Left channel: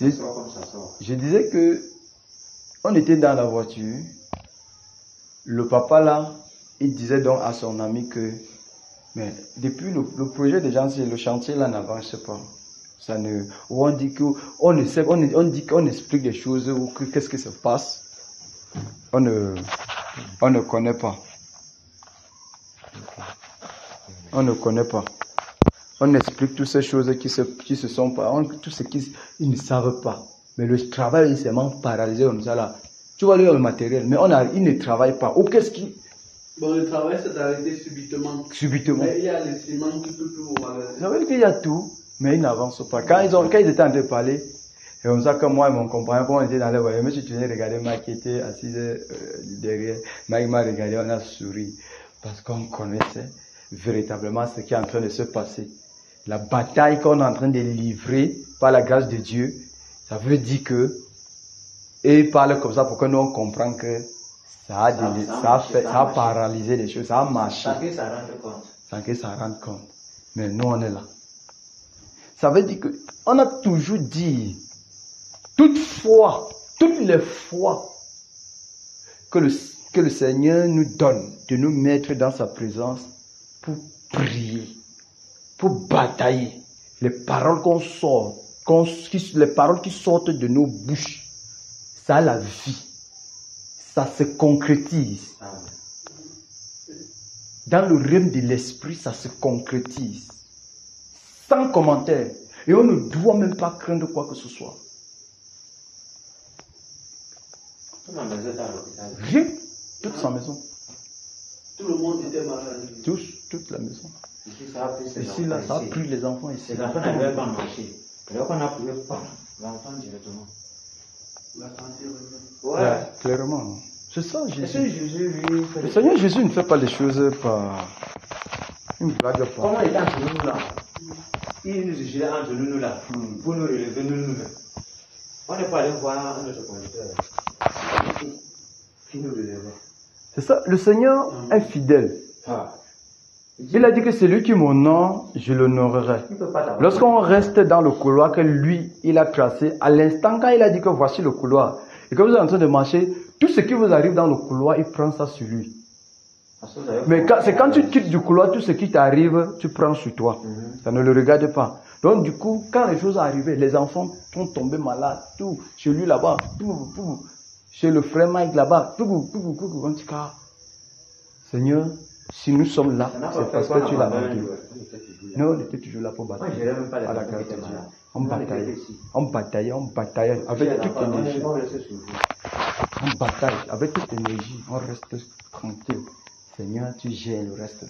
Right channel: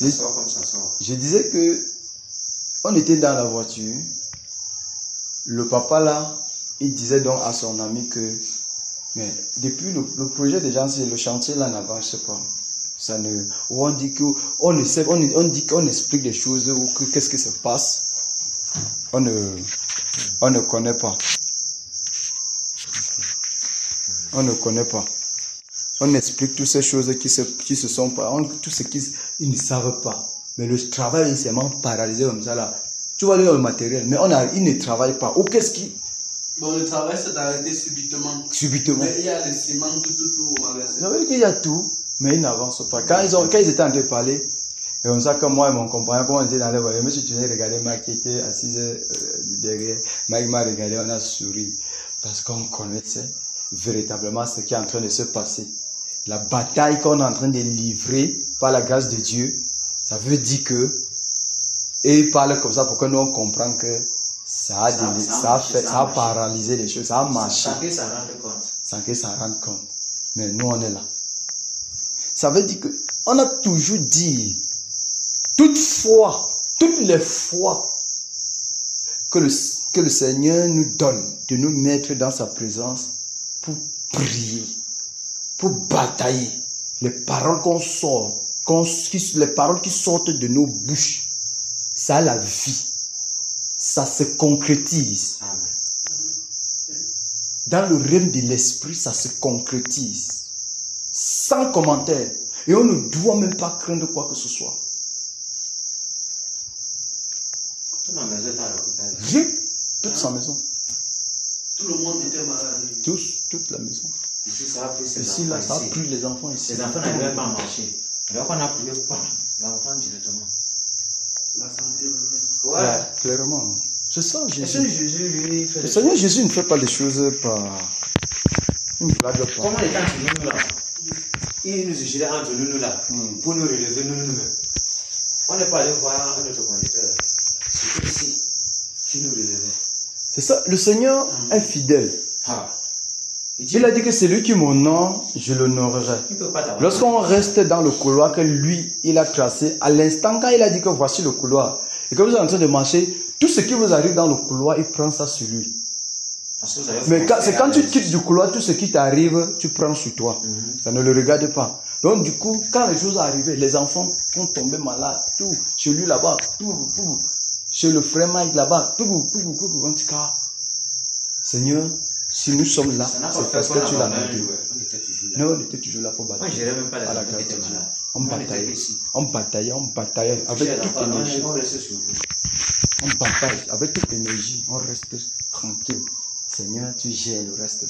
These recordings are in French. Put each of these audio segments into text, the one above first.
Ça sort comme ça sort. Je disais que on était dans la voiture. Le papa là, il disait donc à son ami que mais depuis le projet des gens, le chantier là n'avance pas. Ça ne, on dit que on ne sait, on dit qu'on explique des choses ou que qu'est-ce qui se passe. On ne connaît pas. On ne connaît pas. On explique toutes ces choses qui se sont pas, tout ce qu'ils ne savent pas. Mais le travail est seulement paralysé comme ça là. Tu vois le matériel, mais ils ne travaillent pas. Ou qu'est-ce qui... Bon, le travail s'est arrêté subitement. Subitement. Mais il y a le ciment, tout au magasin. Ça veut dire qu'il y a tout, mais ils n'avancent pas. Quand ils étaient en train de parler, c'est comme ça que moi et mon compagnon, quand on était dans la voiture, je me suis tourné regarder Mike qui était assise derrière. Mike m'a regardé, on a souri. Parce qu'on connaissait véritablement ce qui est en train de se passer. La bataille qu'on est en train de livrer par la grâce de Dieu, ça veut dire que, et il parle comme ça pour que nous on comprenne que ça a paralysé les choses, ça a marché. Sans que ça rende compte. Sans que ça rende compte. Mais nous on est là. Ça veut dire que, on a toujours dit, toutes les fois que le Seigneur nous donne de nous mettre dans sa présence pour prier, pour batailler, les paroles qu'on sort, les paroles qui sortent de nos bouches, ça a la vie, ça se concrétise. Dans le règne de l'esprit, ça se concrétise. Sans commentaire. Et on ne doit même pas craindre quoi que ce soit. Rien. Toute sa maison. Tout le monde était malade. Toute la maison. Ici, ça a pris ici, là, ça a pris les enfants ici. Les enfants n'arrivaient pas à marcher. Et donc, on a prié pas l'enfant directement. La santé revient. Ouais, clairement. C'est ça, Jésus. Le Seigneur Jésus ne fait pas les choses par une blague. Comment il est entre nous là? Il nous jugeait entre nous là. Pour nous relever nous-mêmes. On n'est pas allé voir un autre conducteur. C'est ici qui nous relevait. C'est ça, le Seigneur est fidèle. Il a dit que c'est lui qui m'honore, je l'honorerai. Lorsqu'on reste dans le couloir que lui, il a tracé, à l'instant quand il a dit que voici le couloir, et que vous êtes en train de marcher, tout ce qui vous arrive dans le couloir, il prend ça sur lui. Mais c'est quand tu quittes du couloir, tout ce qui t'arrive, tu prends sur toi. Ça ne le regarde pas. Donc du coup, quand les choses arrivent, les enfants vont tomber malades, tout, chez lui là-bas, tout, chez le frère Mike là-bas, tout, en tout cas. Seigneur, si nous sommes là, c'est parce que tu l'as montré. Nous, on était toujours là pour batailler. À la grâce de Dieu. On bataillait avec toute énergie. On bataille avec toute énergie. On reste tranquille. Seigneur, tu gères le reste.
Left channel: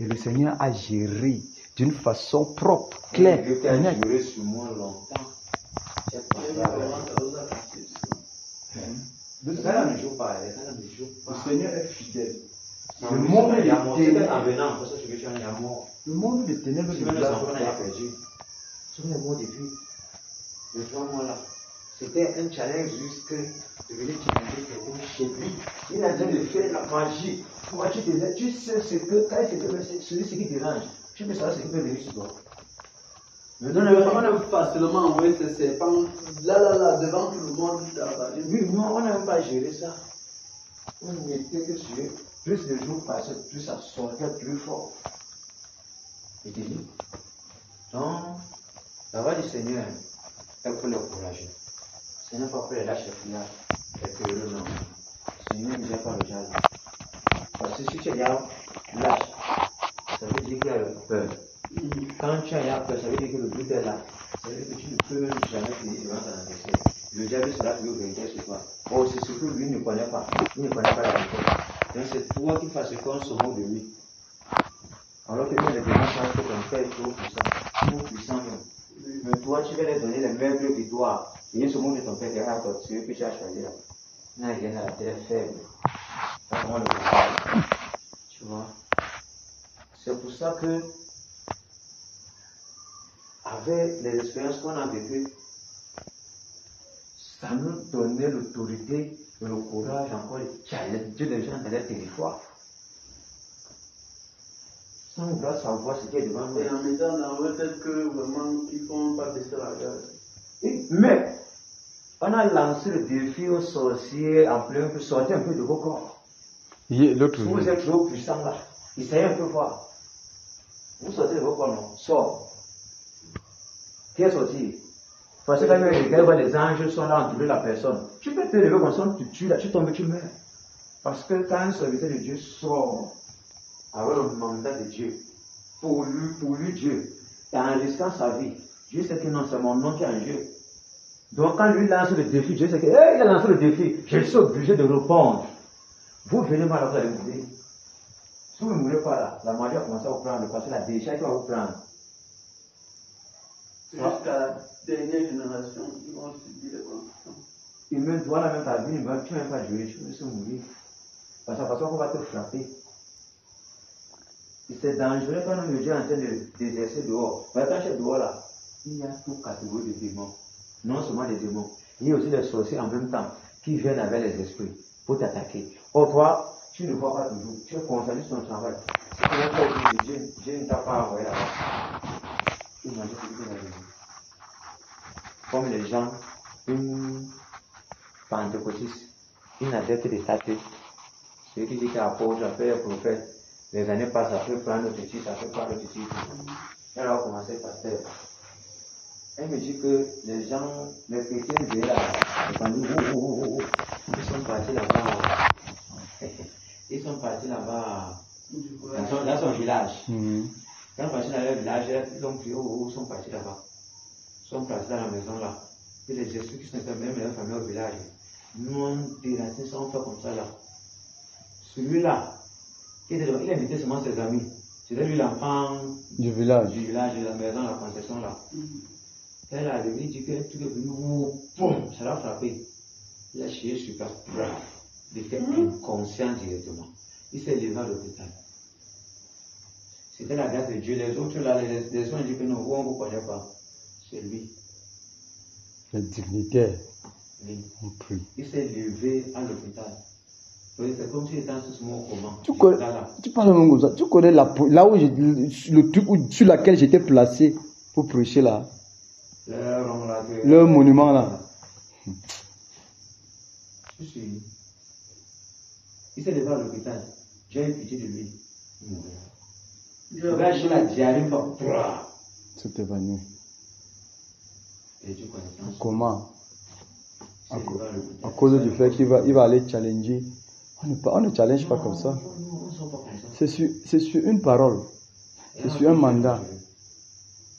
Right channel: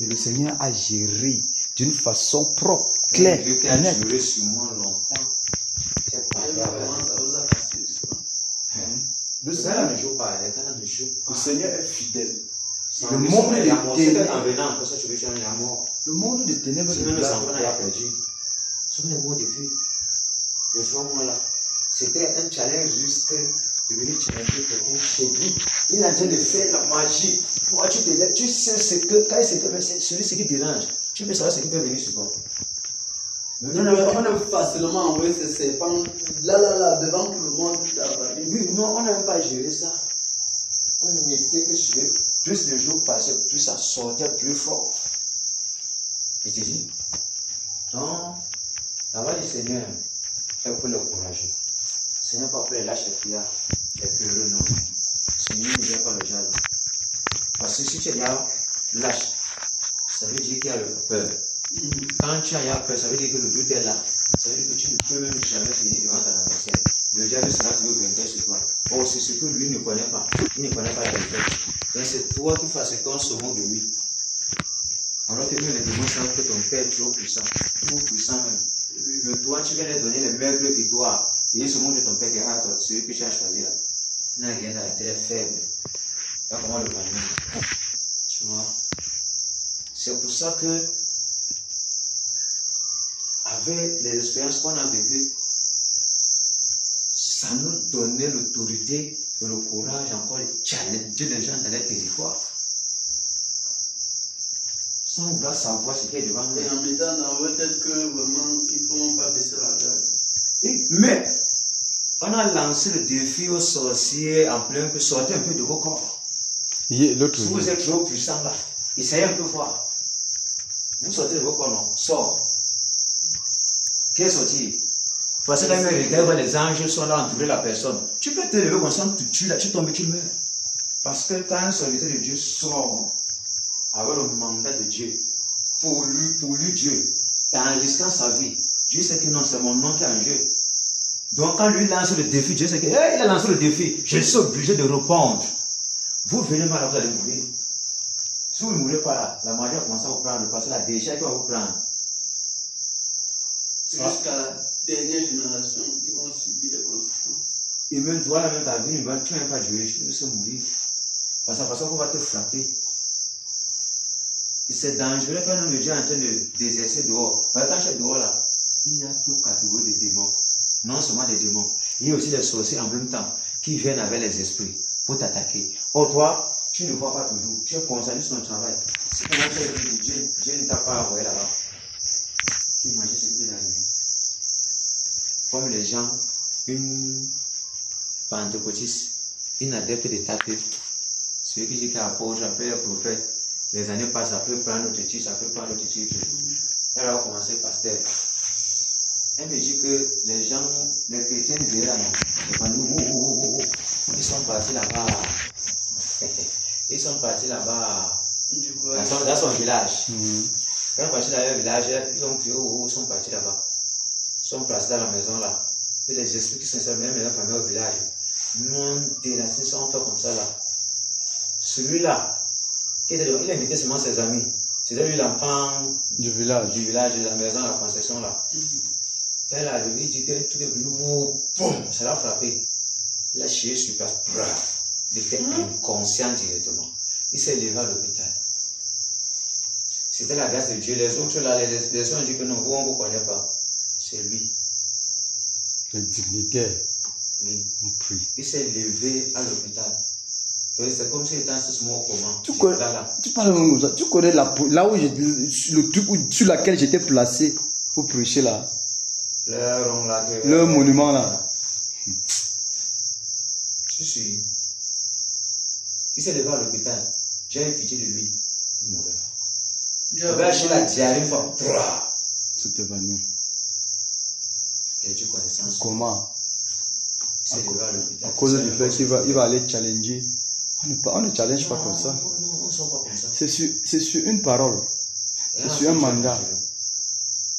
Et le Seigneur a géré d'une façon propre, claire, nette. Duré sur moi longtemps. Le Seigneur est fidèle. Le monde des ténèbres. Le monde des ténèbres. C'était un challenge jusque de venir challenger quelqu'un chez lui. Il est en train de faire la magie. Toi, tu sais ce que, quand c'est celui qui dérange, tu peux savoir ce qui peut venir sur toi. Mais on a facilement envoyé ces serpents là, devant tout le monde. Oui, non, on n'a même pas géré ça. On n'était que sur plus le jour passait, plus ça sortait plus fort. Et tu dis, non, la voix du Seigneur, c'est pour le courage. Ce n'est pas pour les lâches prières, les peureux, non. Le Seigneur ne vient pas le jaloux. Parce que si tu es là, lâche, ça veut dire qu'il y a peur. Quand tu as peur, ça veut dire que le doute est là. Ça veut dire que tu ne peux même jamais finir devant ton adversaire. Le diable sera toujours vainqueur sur toi. Oh, c'est ce que lui ne connaît pas. Il ne connaît pas la vérité. Donc c'est toi qui fais ce qu'on se moque de lui. Alors que nous, les démons savent que ton père est trop puissant même. Mais toi, tu vas leur donner les mêmes victoires. Et ils se moquent de ton père qui est à toi, celui que tu as choisi là. Il n'a rien à la tête faible. Pas comment le comprendre. Tu vois. C'est pour ça que, avec les expériences qu'on a vécues, ça nous donnait l'autorité et le courage encore de challenger les gens dans les territoires. Sans vouloir savoir ce qui est devant nous. Et en mettant dans votre tête que vraiment, ils ne font pas baisser la garde. Mais, on a lancé le défi aux sorciers en plein peu, sortez un peu de vos corps. L'autre Si vous êtes trop puissant là, essayez un peu fort. Vous sortez de vos corps, non? Sors. Qui est sorti? Parce que quand les anges sont là entourés la personne, tu peux te lever comme ça, tu tues là, tu tombes, tu meurs. Parce que quand un serviteur de Dieu sort avec le mandat de Dieu, pour lui Dieu, et en risquant sa vie, Dieu sait que non, c'est mon nom qui est en jeu. Donc quand lui lance le défi, Dieu sait qu'il a lancé le défi, je suis obligé de répondre. Vous venez mal, vous allez mourir. Si vous ne mourrez pas là, la magie va commencer à vous prendre, parce que la déchet va vous prendre. Jusqu'à la dernière génération, ils vont subir les conséquences. Et même toi, là, même ta vie, tu ne vas même pas jouer, tu veux mourir. Parce qu'on va te frapper. C'est dangereux quand un homme de Dieu est en train d'exercer dehors. Mais quand je suis dehors là, il y a toute catégorie de démons. Non seulement des démons, il y a aussi des sorciers en même temps qui viennent avec les esprits pour t'attaquer. Or, toi, tu ne vois pas toujours. Tu es concentré sur ton travail. Si tu n'as pas oublié, Dieu ne t'a pas envoyé là-bas. Tu imagines ce qui est arrivé. Comme les gens, une pentecôtiste, une adepte de tâter, celui qui dit qu'apôtre, après le prophète, les années passent, ça peut prendre notre titre, ça peut prendre notre titre. Elle va commencer pasteur. Elle me dit que les gens, les chrétiens, ils sont partis là-bas. Ils sont partis là-bas dans son village. Quand ils sont partis dans leur village, ils ont crié, ils sont partis là-bas. Ils sont placés dans la maison là. Et les esprits qui sont même dans la famille au village, nous déracés, sont fait comme ça là. Celui-là, il a invité seulement ses amis. C'était lui l'enfant du village, de la maison, la concession là. Elle a levé, il dit que tout est venu, boum, ça l'a frappé. Il a chié sur place, il était inconscient directement. Il s'est levé à l'hôpital. C'était la grâce de Dieu. Les autres là, les gens ont dit que non, vous, on ne vous connaît pas. C'est lui. Le dignitaire. Oui. On prie. Il s'est levé à l'hôpital. C'est comme s'il était en ce moment au coma. Tu parles même comme ça. Tu connais là où le truc sur lequel j'étais placé pour prêcher là. Le monument là. Je suis. Il s'est levé à l'hôpital. J'ai eu pitié de lui. Il mourait. Le gars, j'ai la diarrhée une fois. C'est évanoui. Et tu connais ça. Comment? À cause du fait qu'il va aller challenger. On ne challenge pas comme ça. C'est sur une parole. C'est sur un mandat.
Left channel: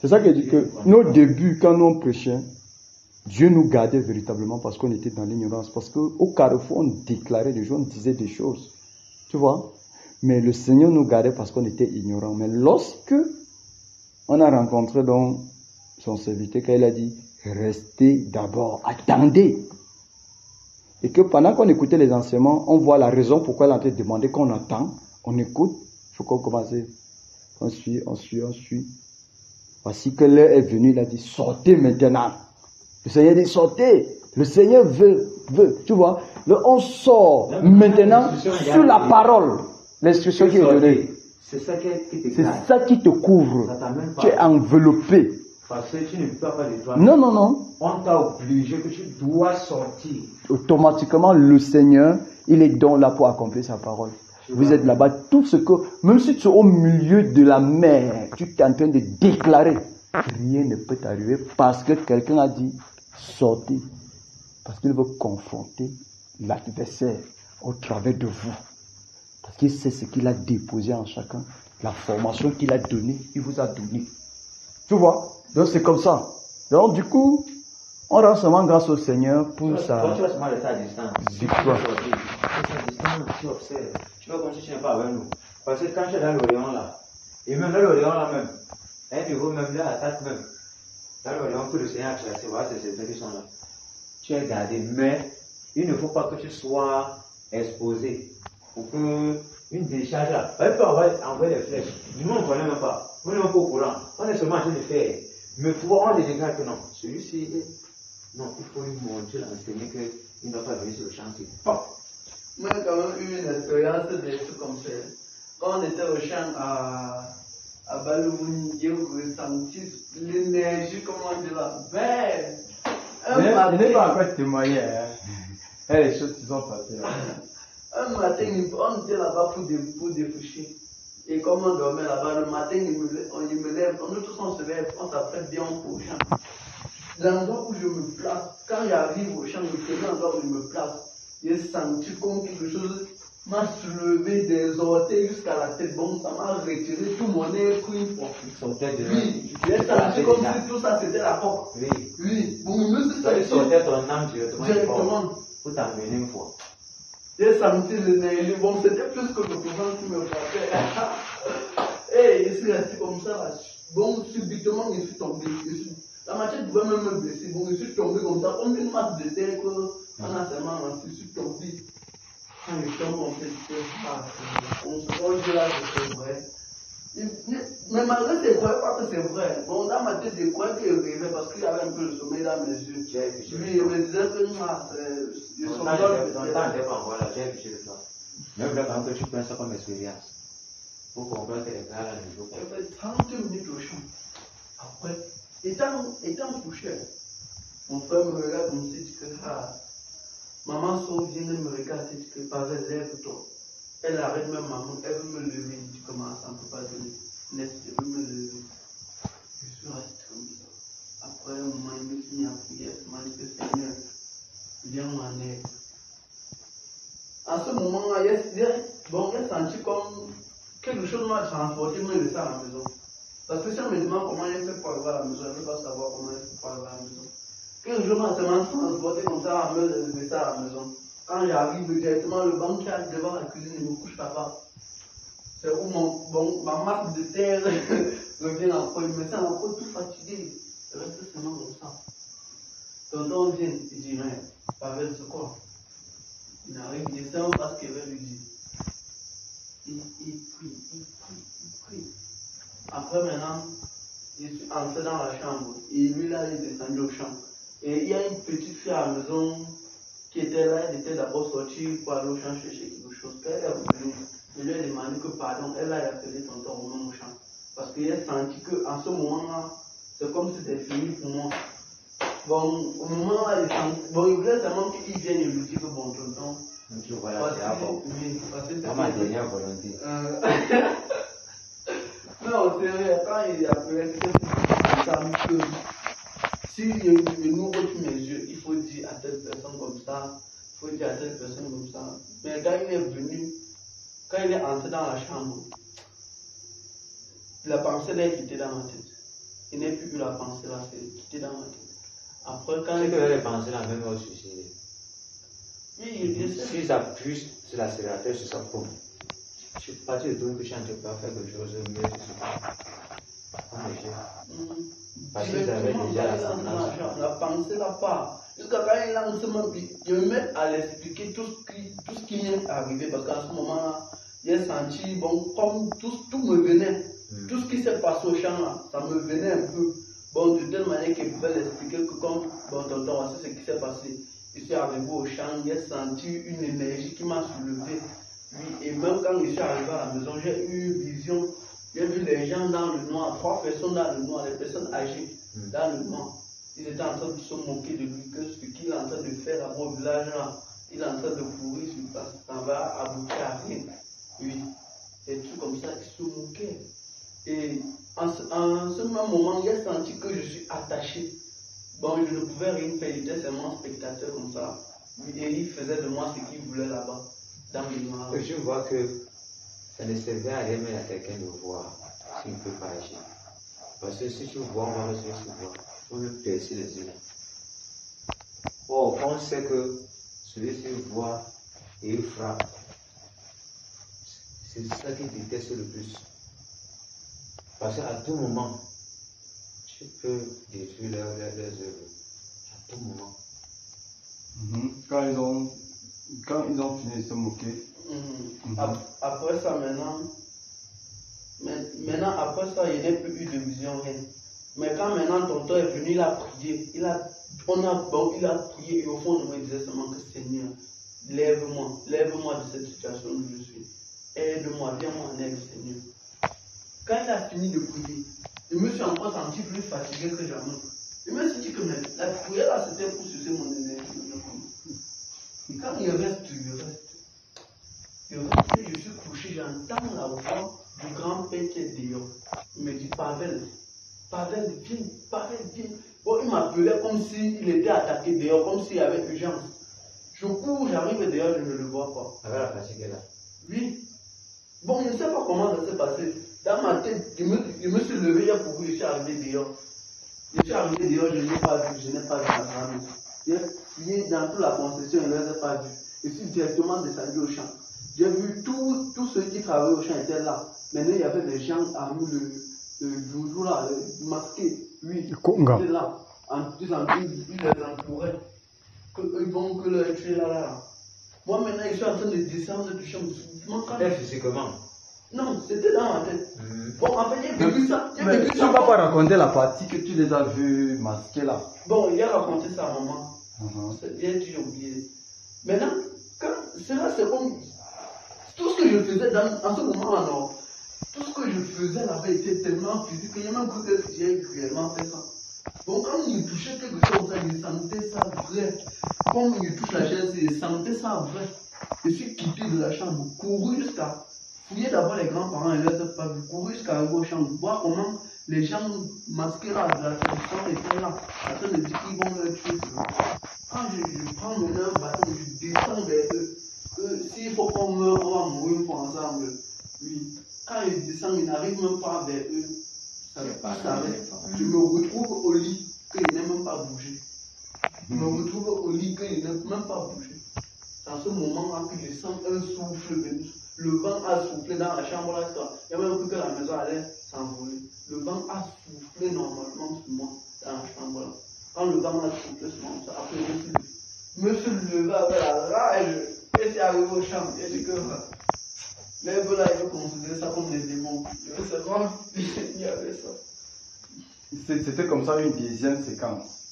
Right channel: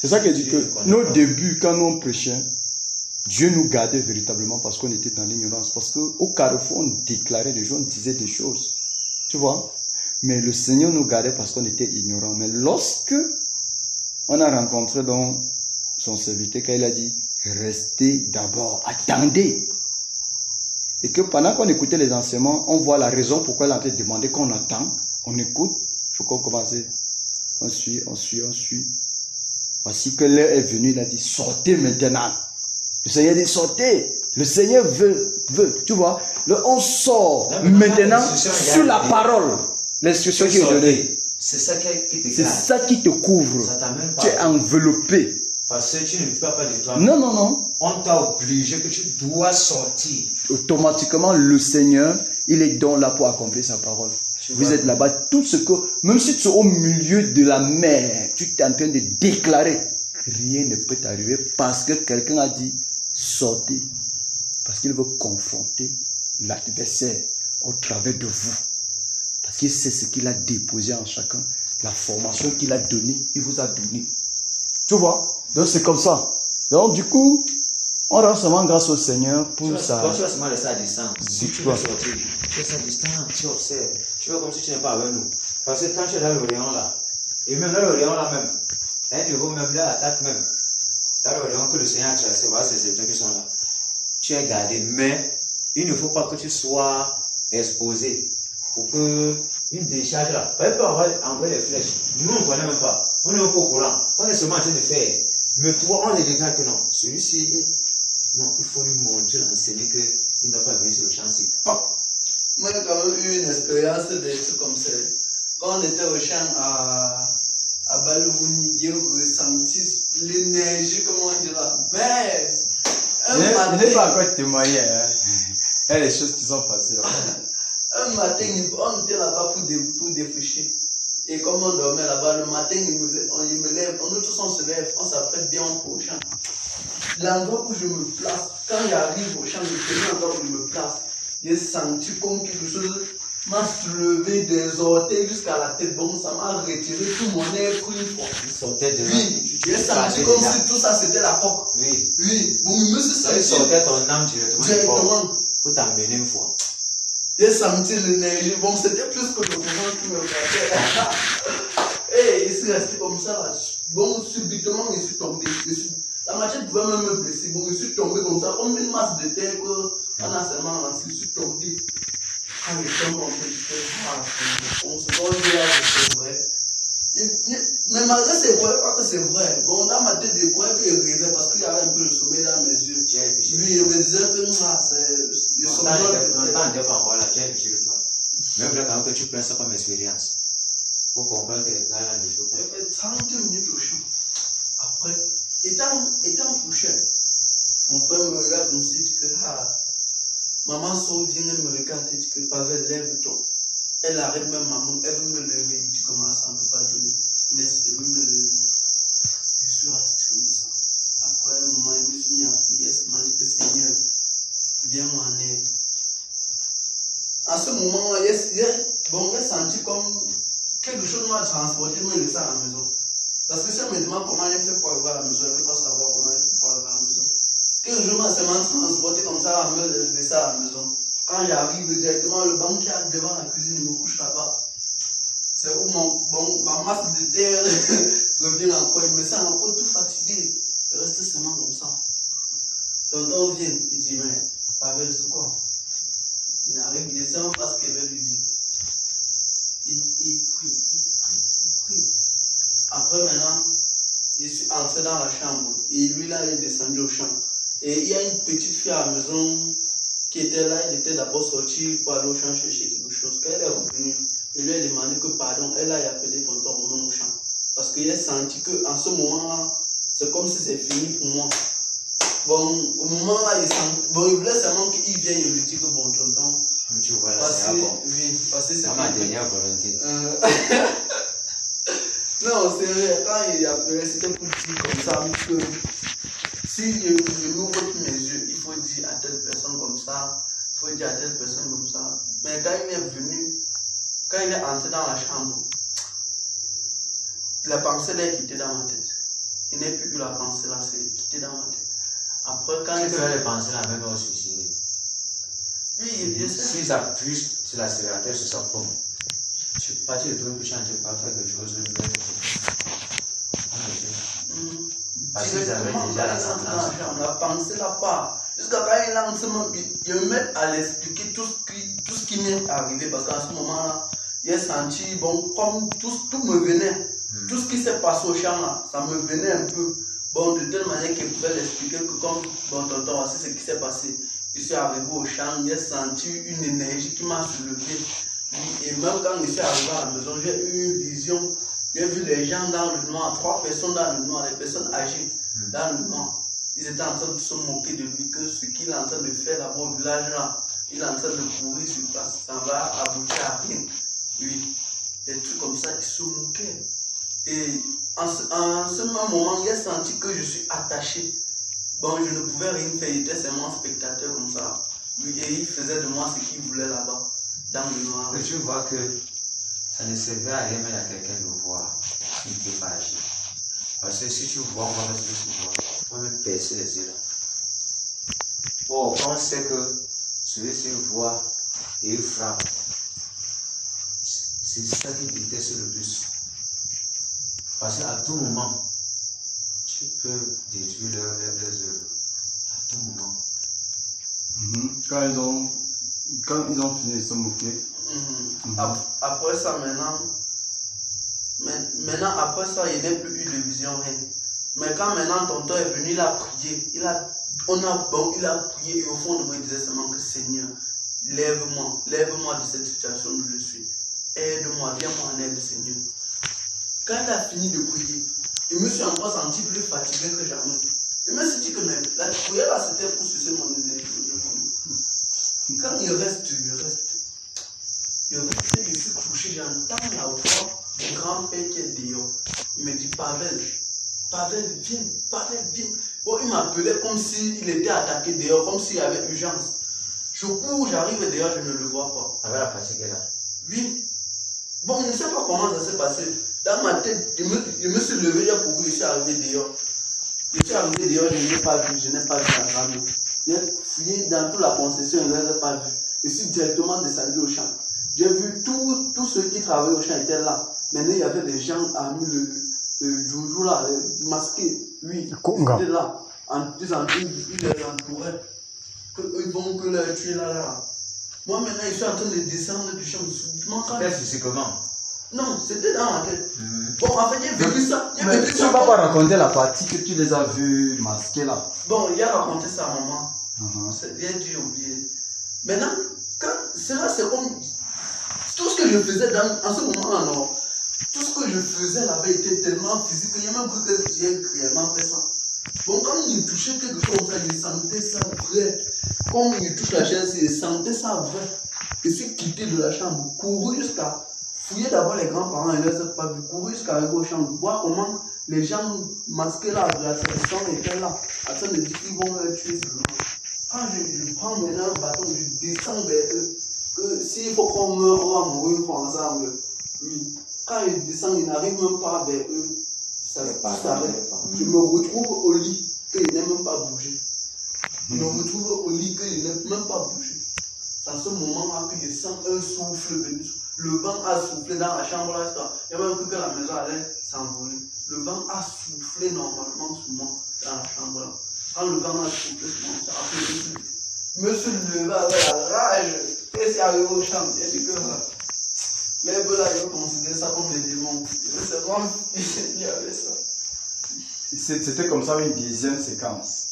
C'est ça que dit que nos débuts, quand nous on prêchait, Dieu nous gardait véritablement parce qu'on était dans l'ignorance. Parce qu'au carrefour, on déclarait des choses, on disait des choses. Tu vois? Mais le Seigneur nous gardait parce qu'on était ignorants. Mais lorsque on a rencontré donc son serviteur, quand il a dit, restez d'abord, attendez. Et que pendant qu'on écoutait les enseignements, on voit la raison pourquoi il a été demandé qu'on attend, on écoute, il faut qu'on commence. On suit. Voici que l'heure est venue, il a dit, sortez maintenant. Le Seigneur dit, sortez. Le Seigneur veut. Tu vois, on sort maintenant sur la parole. L'instruction qui est donnée. C'est ça qui te C'est ça qui te couvre. Tu es enveloppé. Parce que tu ne peux pas de toi. Non. On t'a obligé que tu dois sortir. Automatiquement, le Seigneur, il est donc là pour accomplir sa parole. Vous êtes là-bas, tout ce que, même si tu es au milieu de la mer, tu es en train de déclarer, rien ne peut t'arriver parce que quelqu'un a dit, sortez. Parce qu'il veut confronter l'adversaire au travers de vous. Parce qu'il sait ce qu'il a déposé en chacun. La formation qu'il a donnée, il vous a donné. Tu vois? Donc c'est comme ça. Donc du coup, on rend seulement grâce au Seigneur pour ça. Quand tu vas seulement rester à distance, tu vas sortir. Tu es à distance, tu observes. Tu vois comme si tu n'es pas avec nous. Parce que quand tu es dans l'Orient là, et même dans l'Orient là même, un niveau même là, attaque même. Dans l'Orient, tout le Seigneur a tracé, voilà, c'est ceux qui sont là. Tu es gardé, mais il ne faut pas que tu sois exposé pour que une décharge là, on peut envoyer les flèches. Nous on ne connaît même pas. On n'est même pas au courant. On est seulement en train de faire. Mais toi, on les regarde que non. Celui-ci, non, il faut lui montrer, l'enseigner qu'il ne doit pas venir sur le chantier. Moi, j'ai quand même eu une expérience des trucs comme ça. Quand on était au champ à Balouni, j'ai ressenti l'énergie, comment on dit là. Mais Je n'ai pas encore témoigné. Hein. Il y a des choses qui sont passées. Un matin, on était là-bas pour défricher. Et comme on dormait là-bas, le matin, il me lève, nous tous on se lève, on s'apprête bien au champ. L'endroit où je me place, quand j'arrive au champ, le premier endroit où je me place, j'ai senti comme quelque chose m'a soulevé des orteils jusqu'à la tête. Bon, ça m'a retiré tout mon air pris fort. Il sortait de Oui, j'ai senti comme si tout ça c'était la coque. Oui. Oui, bon, il me suis senti. Il sortait ton âme directement. Pour t'emmener une fois. J'ai senti l'énergie. Bon, c'était plus que le mouvement qui me frappait. Et il s'est resté comme ça. Là. Bon, subitement, je suis tombé. La machette pouvait même me blesser. Bon, je suis tombé comme ça, comme une masse de terre qu'on a seulement lancé. Je suis tombé. Quand je tombe, on se voit là, c'est vrai. Mais malgré c'est vrai, pas que c'est vrai. Bon, dans ma tête, je croyais qu'il rêvait parce qu'il y avait un peu de sommeil dans mes yeux. Lui, il me disait que c'est. Ton temps n'était pas encore là, tu as réfléchi le toi. Même là, quand tu prends ça comme expérience, pour comprendre que les gars là, ne jouent pas. Il fait 30 minutes au champ. Après, étant couché, mon frère me regarde comme si tu dis que maman sort, vient me regarder, dit que Pavel, lève-toi. Elle arrête même maman, elle veut me lever. Tu commences à ne peut pas donner. Laisse-le me lever. Je suis resté comme ça. Après un moment, je me suis mis à prier. Je m'a dit que Seigneur, viens-moi en aide. À ce moment-là, j'ai senti comme quelque chose m'a transporté, me laisser à la maison. Parce que si on me demande comment j'ai fait pour arriver à la maison, je ne veux pas savoir comment j'ai fait pour arriver à la maison. Quelques jours, m'a transporté comme ça, à me laisser à la maison. Quand j'arrive directement, le banc qui est devant la cuisine, il me couche là-bas. C'est où ma masse de terre revient encore. Il me sent encore tout fatigué. Je reste seulement comme ça. Tonton vient, il dit, mais Pavel, c'est quoi? Il n'arrive, il ne sait même pas ce qu'il veut lui dire. Il prie. Après, maintenant, je suis entré dans la chambre. Et lui, là, il est descendu au champ. Et il y a une petite fille à la maison qui était là. Elle était d'abord sortie pour aller au champ chercher quelque chose. Quand elle est revenue, je lui ai demandé que pardon. Elle a appelé tonton Romain au champ. Parce qu'il a senti qu'en ce moment-là, c'est comme si c'est fini pour moi. Bon, au moment-là, il voulait seulement qu'il vienne et lui dire que bon, tonton. Tu vois là, c'est bon. Oui, parce que c'est ma dernière volonté. Non, c'est vrai, quand il a appelé, c'était pour dire comme ça que si je n'ouvre plus mes yeux, il faut dire à telle personne comme ça, il faut dire à telle personne comme ça. Mais quand il est venu, quand il est entré dans la chambre, la pensée l'a quitté dans ma tête. Il n'est plus eu la pensée là, c'est quitté dans ma tête. Après, quand il fait les pensées la même au suicide. Oui, bien sûr. Si ça appuie sur l'accélérateur, sur sa pomme. Tu partis de tout que tu n'as pas fait quelque chose de mieux que ça. Parce qu'ils avaient déjà la sentence. La pensée là pas. Jusqu'à quand il lance seulement, il me met à l'expliquer tout ce qui m'est arrivé. Parce qu'à ce moment-là, j'ai senti, bon, comme tout me venait. Tout ce qui s'est passé au champ là, ça me venait un peu. Bon, de telle manière qu'il pouvait l'expliquer que comme, bon, tonton, voici ce qui s'est passé. Je suis arrivé au champ, j'ai senti une énergie qui m'a soulevé. Et même quand je suis arrivé à la maison, j'ai eu une vision. J'ai vu les gens dans le noir, 3 personnes dans le noir, les personnes âgées dans le noir. Ils étaient en train de se moquer de lui, que ce qu'il est en train de faire là-bas au village là, il est en train de courir sur place, ça va aboutir à rien. Oui, des trucs comme ça qui se moquaient. Et en ce même moment, j'ai senti que je suis attaché. Bon, je ne pouvais rien faire, il était seulement spectateur comme ça. Oui, et il faisait de moi ce qu'il voulait là-bas, dans le noir. Et tu vois que ça ne servait à rien même à quelqu'un de voir s'il ne peut pas agir. Parce que si tu vois, on va rester sur toi. On va même percer les yeux là. Or, on sait que celui-ci voit et il frappe. C'est ça qui déteste le plus. Parce qu'à tout moment, tu peux détruire leurs œuvres. À tout moment. Quand ils ont fini de se moquer. Après ça, maintenant, après ça, il n'y a plus eu de vision, rien. Mais quand maintenant tonton est venu, il a prié. Il a prié et au fond de moi, il disait seulement que Seigneur, lève-moi de cette situation où je suis. Aide-moi, viens-moi en aide, Seigneur. Quand il a fini de prier, je me suis encore senti plus fatigué que jamais. Je me suis dit que même, la prière là, c'était pour sucer mon énergie. Quand il reste. Je suis couché, j'entends la voix du grand-père qui est dehors. Il me dit, Pavel, viens. Bon, il m'appelait comme s'il était attaqué dehors, comme s'il y avait urgence. Je cours, j'arrive dehors, je ne le vois pas. Avec la fatigue là. Oui. Bon, je ne sais pas comment ça s'est passé. Dans ma tête, je me suis levé, j'ai couru, je suis arrivé dehors. Je suis arrivé dehors, je n'ai pas vu la radio. J'ai fouillé dans toute la concession, je ne l'ai pas vu. Je suis directement descendu au champ. J'ai vu tous ceux qui travaillaient au champ étaient là. Maintenant, il y avait des gens armés, le joujou là, masqué. Oui, ils étaient là. Ils les entouraient. Ils vont que leur tuer là. Moi, maintenant, je suis en train de descendre du champ. C'est comment? Non, c'était dans ma tête. Bon, en fait, j'ai vécu ça. Tu ne vas pas raconter la partie que tu les as vus masqués là. Bon, il a raconté ça à maman. C'est bien dit, oublié. Maintenant, cela, c'est comme. Tout ce que je faisais en ce moment-là, non. Tout ce que je faisais là avait été tellement physique que j'ai même cru que j'ai réellement fait ça. Bon, quand il touchait quelque chose comme ça, je sentais ça vrai. Comme il touche la chaise, je sentais ça vrai. Je suis quitté de la chambre, couru jusqu'à fouiller d'abord les grands-parents et leur pas vu, couru jusqu'à arriver au champ, voir comment les gens masqués là de la sélection étaient là, en train de dire qu'ils vont leur tuer. Quand je prends maintenant un bâton, je descends vers eux. S'il faut qu'on meure, on va mourir une fois ensemble. Oui. Quand je descends, ils n'arrivent même pas vers eux. Ça s'arrête. Je me retrouve au lit, qu'il n'est même pas bougé. Je me retrouve au lit, qu'il n'est même pas bougé. Dans ce moment-là, que je sens un souffle venu. Le vent a soufflé dans la chambre là. Il y a même cru que la maison allait s'envoler. Le vent a soufflé normalement sur moi dans la chambre là. Quand le vent a soufflé sur moi, ça a fait je me suis levé avec la rage. Et c'est arrivé au champ. J'ai dit que les gars là, ils considèrent ça comme des démons. C'est vraiment fini avec ça. C'était comme ça une deuxième séquence.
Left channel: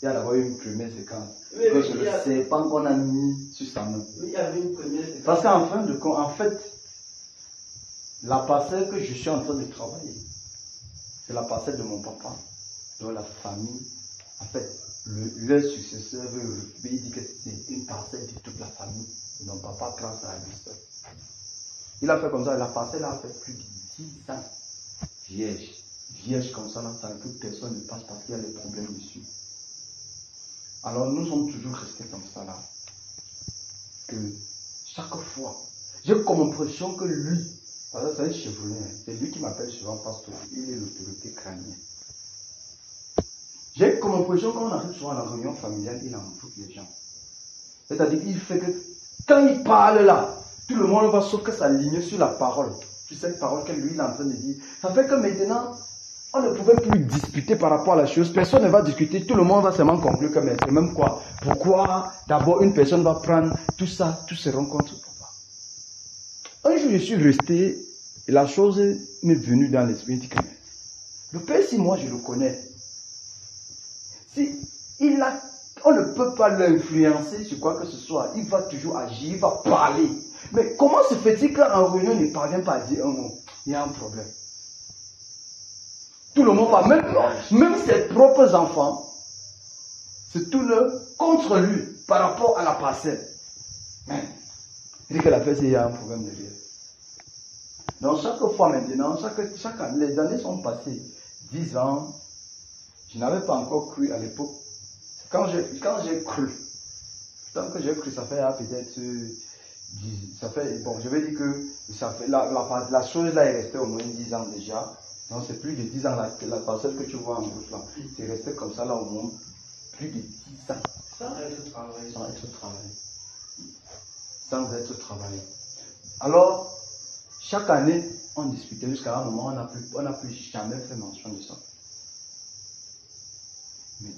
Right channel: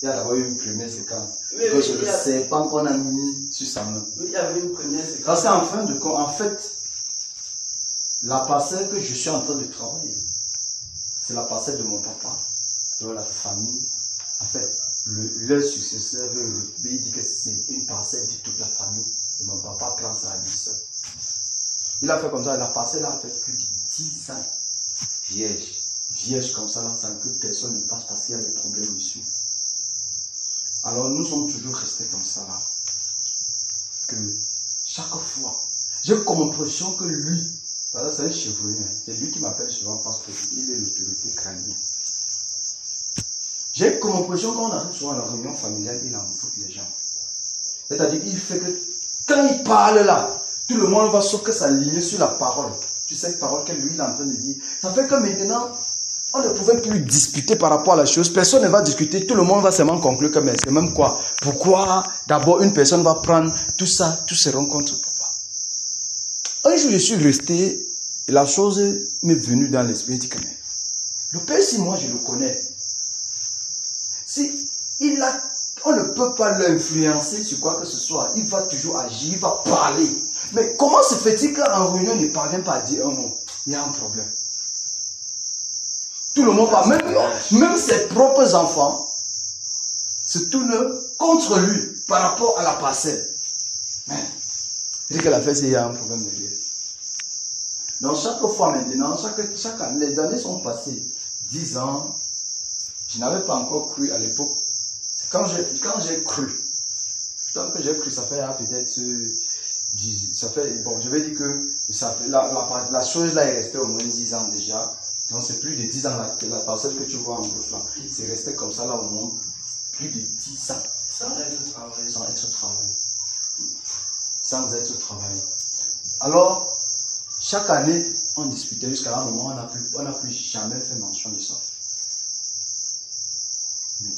Il y a d'abord une première séquence. Oui, le serpent qu'on a mis sur sa main. Oui, il y avait une première séquence. Parce qu'en fin de compte, en fait, la parcelle que je suis en train de travailler, c'est la parcelle de mon papa, de la famille. En fait, leur successeur, il dit que c'est une parcelle de toute la famille. Et mon papa prend ça à lui seul. Il a fait comme ça, la parcelle a fait plus de 10 ans. Vierge comme ça, sans que personne ne passe parce qu'il y a des problèmes dessus. Alors nous sommes toujours restés comme ça là. Que chaque fois, j'ai comme impression que lui, c'est un chevronnier, c'est lui qui m'appelle souvent parce qu'il est l'autorité crânienne. J'ai comme impression qu'on arrive souvent à la réunion familiale, il envoûte les gens. C'est-à-dire qu'il fait que quand il parle là, tout le monde va sauf que s'aligner sur la parole. Tu sais, cette parole que lui il est en train de dire. Ça fait que maintenant, on ne pouvait plus discuter par rapport à la chose. Personne ne va discuter. Tout le monde va seulement conclure que mais c'est même quoi. Pourquoi d'abord une personne va prendre tout ça, tous ces rencontres, papa. Un jour, je suis resté et la chose m'est venue dans l'esprit. Je dis que mais le père, si moi je le connais, si on ne peut pas l'influencer sur quoi que ce soit. Il va toujours agir, il va parler. Mais comment se fait-il qu'en réunion, il ne parvient pas à dire un mot? Il y a un problème. Tout le monde parle, même ses propres enfants se tournent contre lui par rapport à la parcelle. Mais il dit que la fête, il y a un problème derrière. Donc chaque fois maintenant, chaque année, les années sont passées. 10 ans, je n'avais pas encore cru à l'époque. Quand j'ai cru, tant que j'ai cru, ça fait peut-être, bon, je vais dire que ça fait, la chose là est restée au moins 10 ans déjà. Donc c'est plus de 10 ans là, la parcelle que tu vois en gros là, c'est resté comme ça là au moins plus de 10 ans. Sans être travaillé. Sans être travaillé. Sans être travaillé. Alors, chaque année, on discutait jusqu'à un moment, on n'a plus jamais fait mention de ça.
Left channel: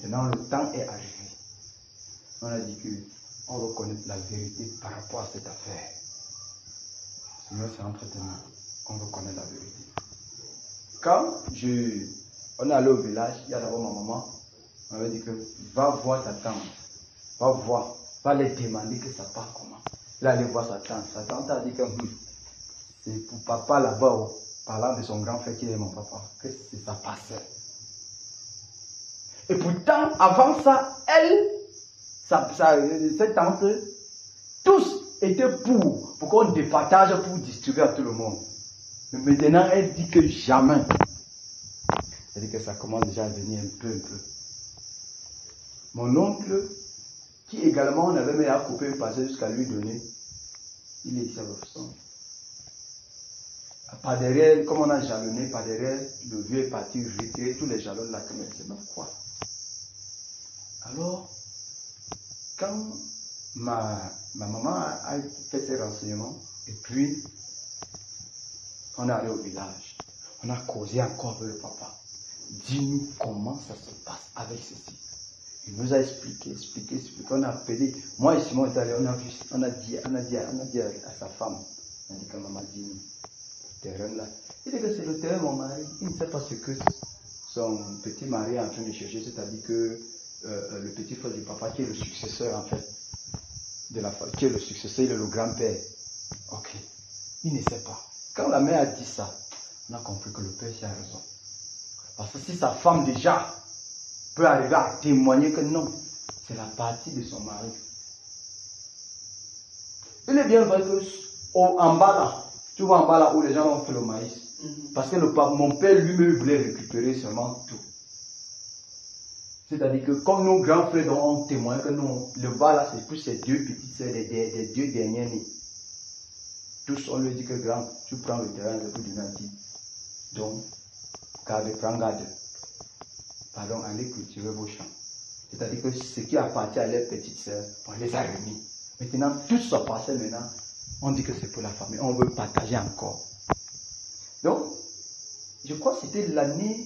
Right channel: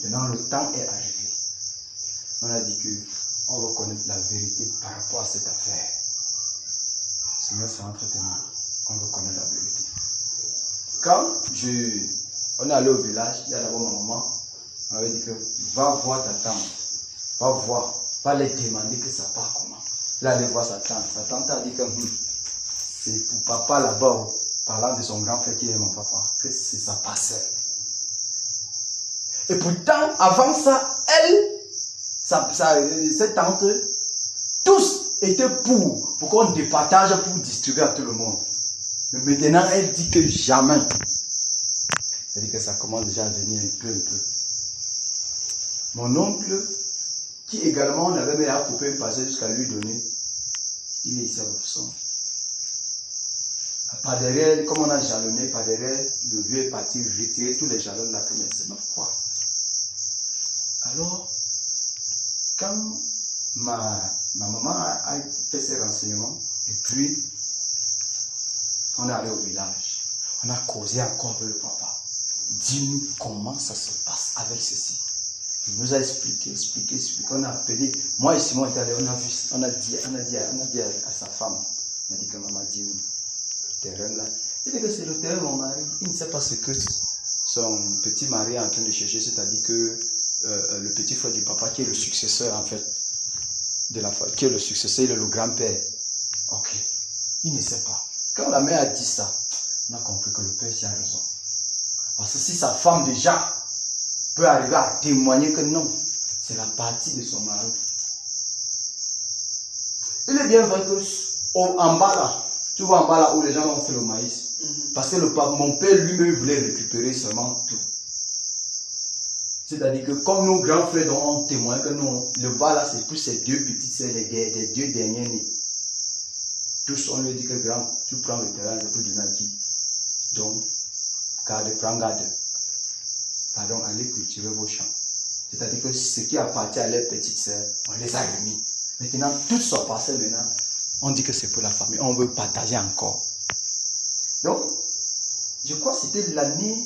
Maintenant, le temps est arrivé. On a dit qu'on reconnaît la vérité par rapport à cette affaire. Seigneur, c'est entre tes mains. On reconnaît la vérité. Quand on est allé au village, il y a d'abord ma maman. On avait dit que va voir ta tante. Va voir. Va les demander que ça part comment. Là, aller voir sa tante. Sa tante a dit que c'est pour papa là-bas, parlant de son grand frère qui est mon papa, que c'est sa parcelle. Et pourtant, avant ça, cette tante, tous étaient pour qu'on départage, pour distribuer à tout le monde. Mais maintenant, elle dit que jamais. Elle dit que ça commence déjà à venir un peu. Mon oncle, qui également on avait mis à couper un passé jusqu'à lui donner, il est ici à l'option. Par derrière, comme on a jalonné, par derrière, le vieux est parti retirer tous les jalons de la première semaine. Quoi? Alors, quand ma maman a fait ses renseignements, et puis on est allé au village, on a causé encore avec le papa. Dis-nous comment ça se passe avec ceci. Il nous a expliqué. On a appelé. Moi et Simon est allé, on a dit à sa femme, on a dit que maman dit nous, le terrain là. Il dit que c'est le terrain de mon mari. Il ne sait pas ce que son petit mari est en train de chercher, c'est-à-dire que le petit frère du papa qui est le successeur en fait, de la famille, qui est le successeur, il est le grand-père. Ok. Il ne sait pas. Quand la mère a dit ça, on a compris que le père a raison. Parce que si sa femme déjà peut arriver à témoigner que non, c'est la partie de son mari. Il est bien vrai que en bas là, tu vois en bas là où les gens ont fait le maïs, parce que mon père lui-même voulait récupérer seulement tout. C'est-à-dire que comme nos grands frères ont témoigné que non, le bas là c'est plus ces deux petites sœurs, les deux derniers nés. Tous on lui dit que grand, tu prends le terrain, c'est pour du naki. Donc, prends garde. Pardon, allez cultiver vos champs. C'est-à-dire que ce qui appartient à leurs petites sœurs, on les a remis. Maintenant, tout se passe maintenant. On dit que c'est pour la famille. On veut partager encore. Donc, je crois que c'était l'année.